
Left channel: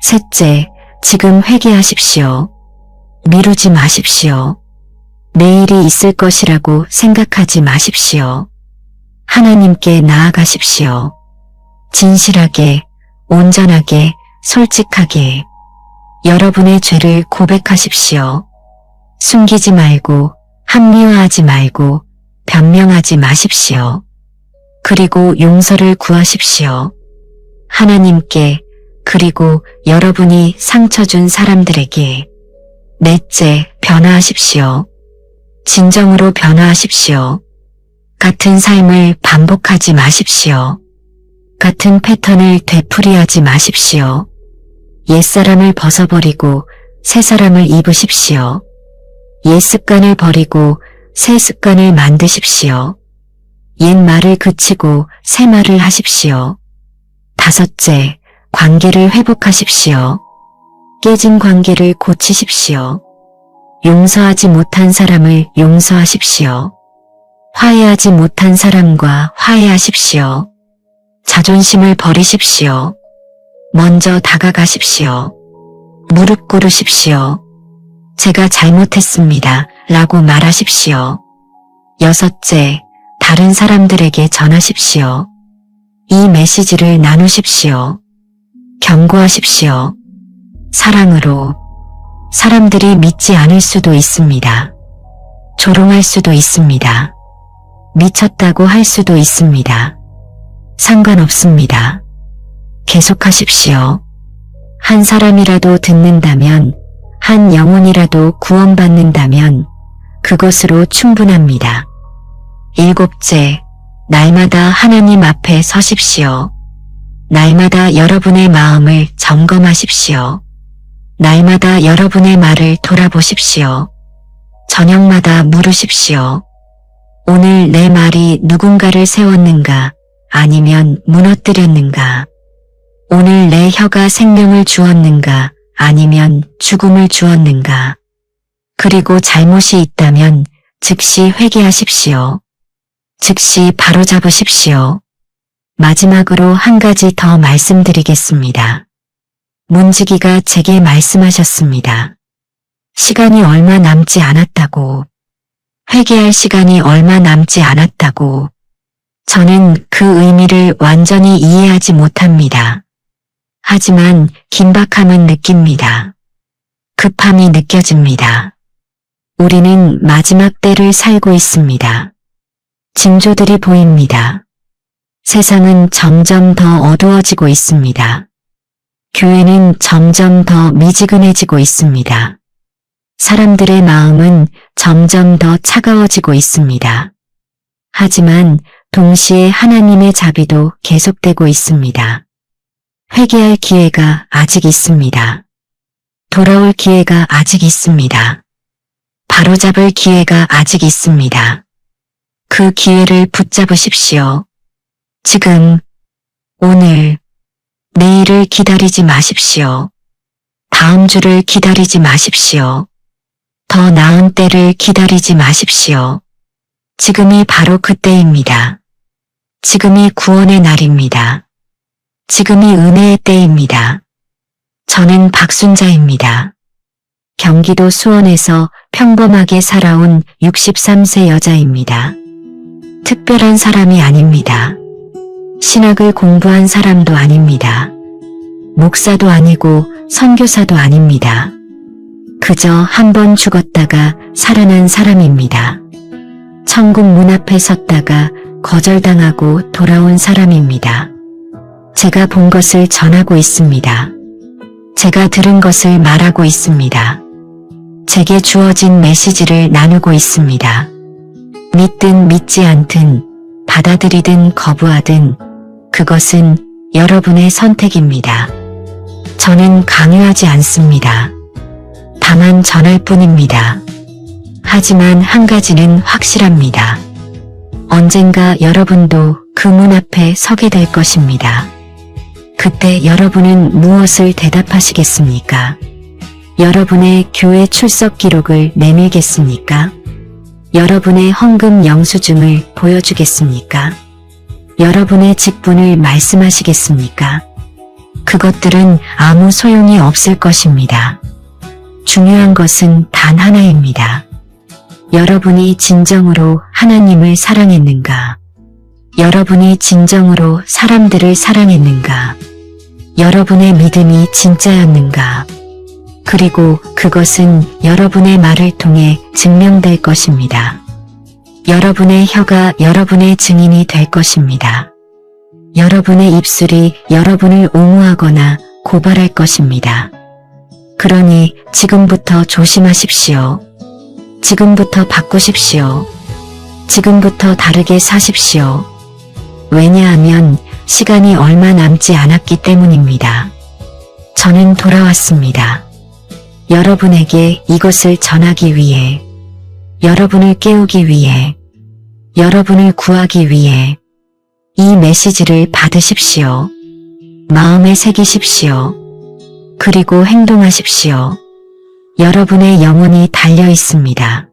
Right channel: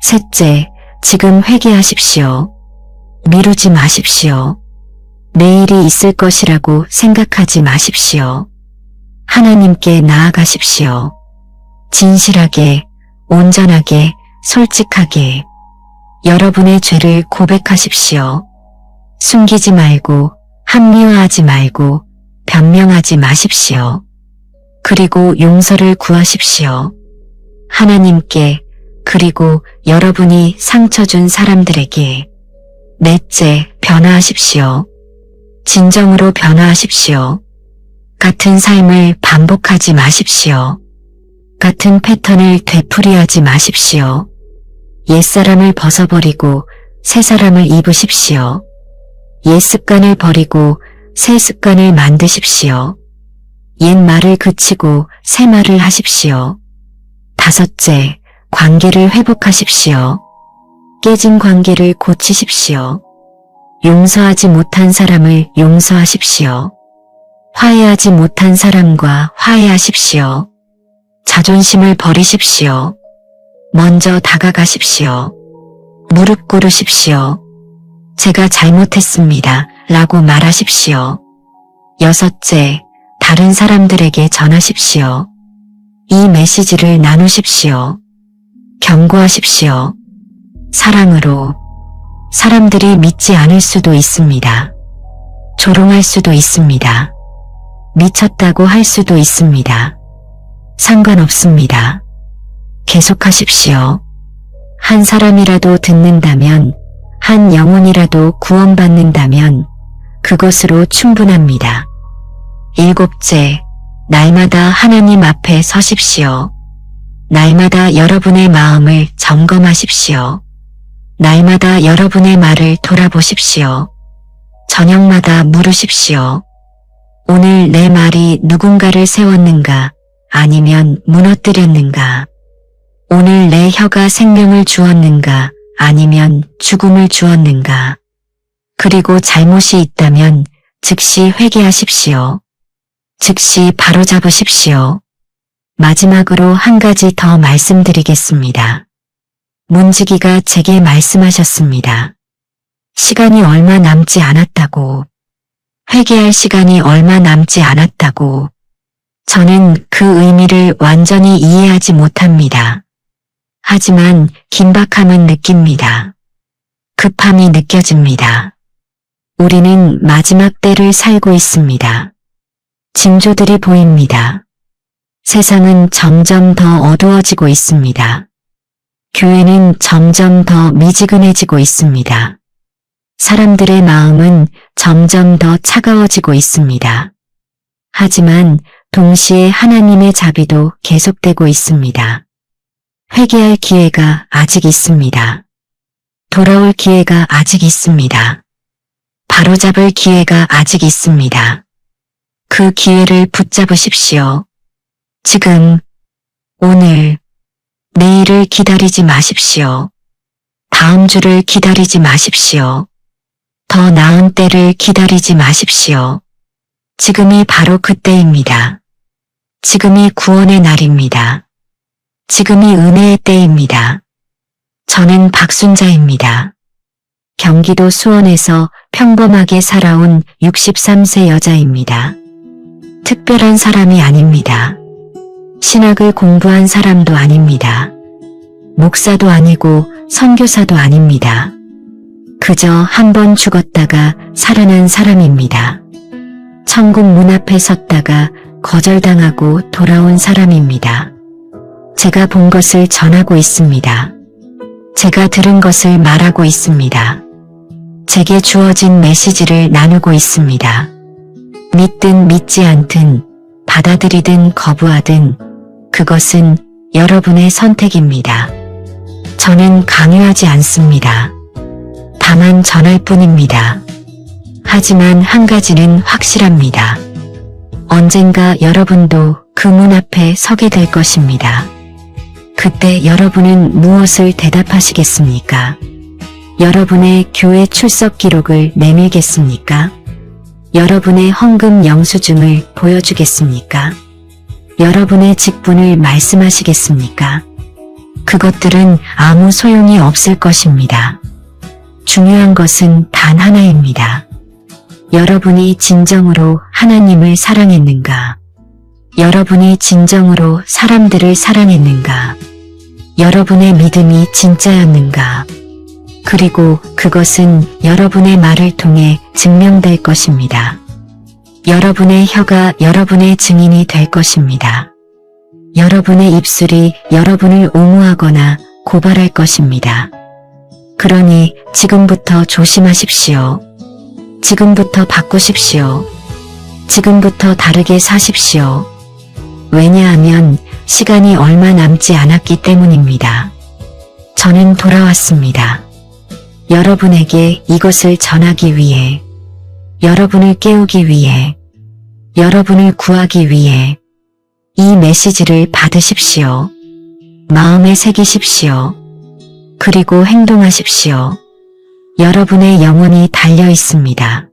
셋째, 지금 회개하십시오. 미루지 마십시오. 내일이 있을 것이라고 생각하지 마십시오. 하나님께 나아가십시오. 진실하게, 온전하게, 솔직하게 여러분의 죄를 고백하십시오. 숨기지 말고, 합리화하지 말고, 변명하지 마십시오. 그리고 용서를 구하십시오. 하나님께, 그리고 여러분이 상처 준 사람들에게. 넷째, 변화하십시오. 진정으로 변화하십시오. 같은 삶을 반복하지 마십시오. 같은 패턴을 되풀이하지 마십시오. 옛사람을 벗어버리고 새 사람을 입으십시오. 옛 습관을 버리고 새 습관을 만드십시오. 옛 말을 그치고 새 말을 하십시오. 다섯째, 관계를 회복하십시오. 깨진 관계를 고치십시오. 용서하지 못한 사람을 용서하십시오. 화해하지 못한 사람과 화해하십시오. 자존심을 버리십시오. 먼저 다가가십시오. 무릎 꿇으십시오. 제가 잘못했습니다. 라고 말하십시오. 여섯째, 다른 사람들에게 전하십시오. 이 메시지를 나누십시오. 경고하십시오. 사랑으로. 사람들이 믿지 않을 수도 있습니다. 조롱할 수도 있습니다. 미쳤다고 할 수도 있습니다. 상관없습니다. 계속하십시오. 한 사람이라도 듣는다면, 한 영혼이라도 구원받는다면 그것으로 충분합니다. 일곱째, 날마다 하나님 앞에 서십시오. 날마다 여러분의 마음을 점검하십시오. 날마다 여러분의 말을 돌아보십시오. 저녁마다 물으십시오. 오늘 내 말이 누군가를 세웠는가 아니면 무너뜨렸는가? 오늘 내 혀가 생명을 주었는가 아니면 죽음을 주었는가? 그리고 잘못이 있다면 즉시 회개하십시오. 즉시 바로잡으십시오. 마지막으로 한 가지 더 말씀드리겠습니다. 문지기가 제게 말씀하셨습니다. 시간이 얼마 남지 않았다고, 회개할 시간이 얼마 남지 않았다고. 저는 그 의미를 완전히 이해하지 못합니다. 하지만 긴박함은 느낍니다. 급함이 느껴집니다. 우리는 마지막 때를 살고 있습니다. 징조들이 보입니다. 세상은 점점 더 어두워지고 있습니다. 교회는 점점 더 미지근해지고 있습니다. 사람들의 마음은 점점 더 차가워지고 있습니다. 하지만 동시에 하나님의 자비도 계속되고 있습니다. 회개할 기회가 아직 있습니다. 돌아올 기회가 아직 있습니다. 바로잡을 기회가 아직 있습니다. 그 기회를 붙잡으십시오. 지금, 오늘, 내일을 기다리지 마십시오. 다음 주를 기다리지 마십시오. 더 나은 때를 기다리지 마십시오. 지금이 바로 그때입니다. 지금이 구원의 날입니다. 지금이 은혜의 때입니다. 저는 박순자입니다. 경기도 수원에서 평범하게 살아온 63세 여자입니다. 특별한 사람이 아닙니다. 신학을 공부한 사람도 아닙니다. 목사도 아니고 선교사도 아닙니다. 그저 한 번 죽었다가 살아난 사람입니다. 천국 문 앞에 섰다가 거절당하고 돌아온 사람입니다. 제가 본 것을 전하고 있습니다. 제가 들은 것을 말하고 있습니다. 제게 주어진 메시지를 나누고 있습니다. 믿든 믿지 않든 받아들이든 거부하든 그것은 여러분의 선택입니다. 저는 강요하지 않습니다. 다만 전할 뿐입니다. 하지만 한 가지는 확실합니다. 언젠가 여러분도 그 문 앞에 서게 될 것입니다. 그때 여러분은 무엇을 대답하시겠습니까? 여러분의 교회 출석 기록을 내밀겠습니까? 여러분의 헌금 영수증을 보여주겠습니까? 여러분의 직분을 말씀하시겠습니까? 그것들은 아무 소용이 없을 것입니다. 중요한 것은 단 하나입니다. 여러분이 진정으로 하나님을 사랑했는가? 여러분이 진정으로 사람들을 사랑했는가? 여러분의 믿음이 진짜였는가? 그리고 그것은 여러분의 말을 통해 증명될 것입니다. 여러분의 혀가 여러분의 증인이 될 것입니다. 여러분의 입술이 여러분을 옹호하거나 고발할 것입니다. 그러니 지금부터 조심하십시오. 지금부터 바꾸십시오. 지금부터 다르게 사십시오. 왜냐하면 시간이 얼마 남지 않았기 때문입니다. 저는 돌아왔습니다. 여러분에게 이것을 전하기 위해, 여러분을 깨우기 위해, 여러분을 구하기 위해 이 메시지를 받으십시오. 마음에 새기십시오. 그리고 행동하십시오. 여러분의 영혼이 달려 있습니다.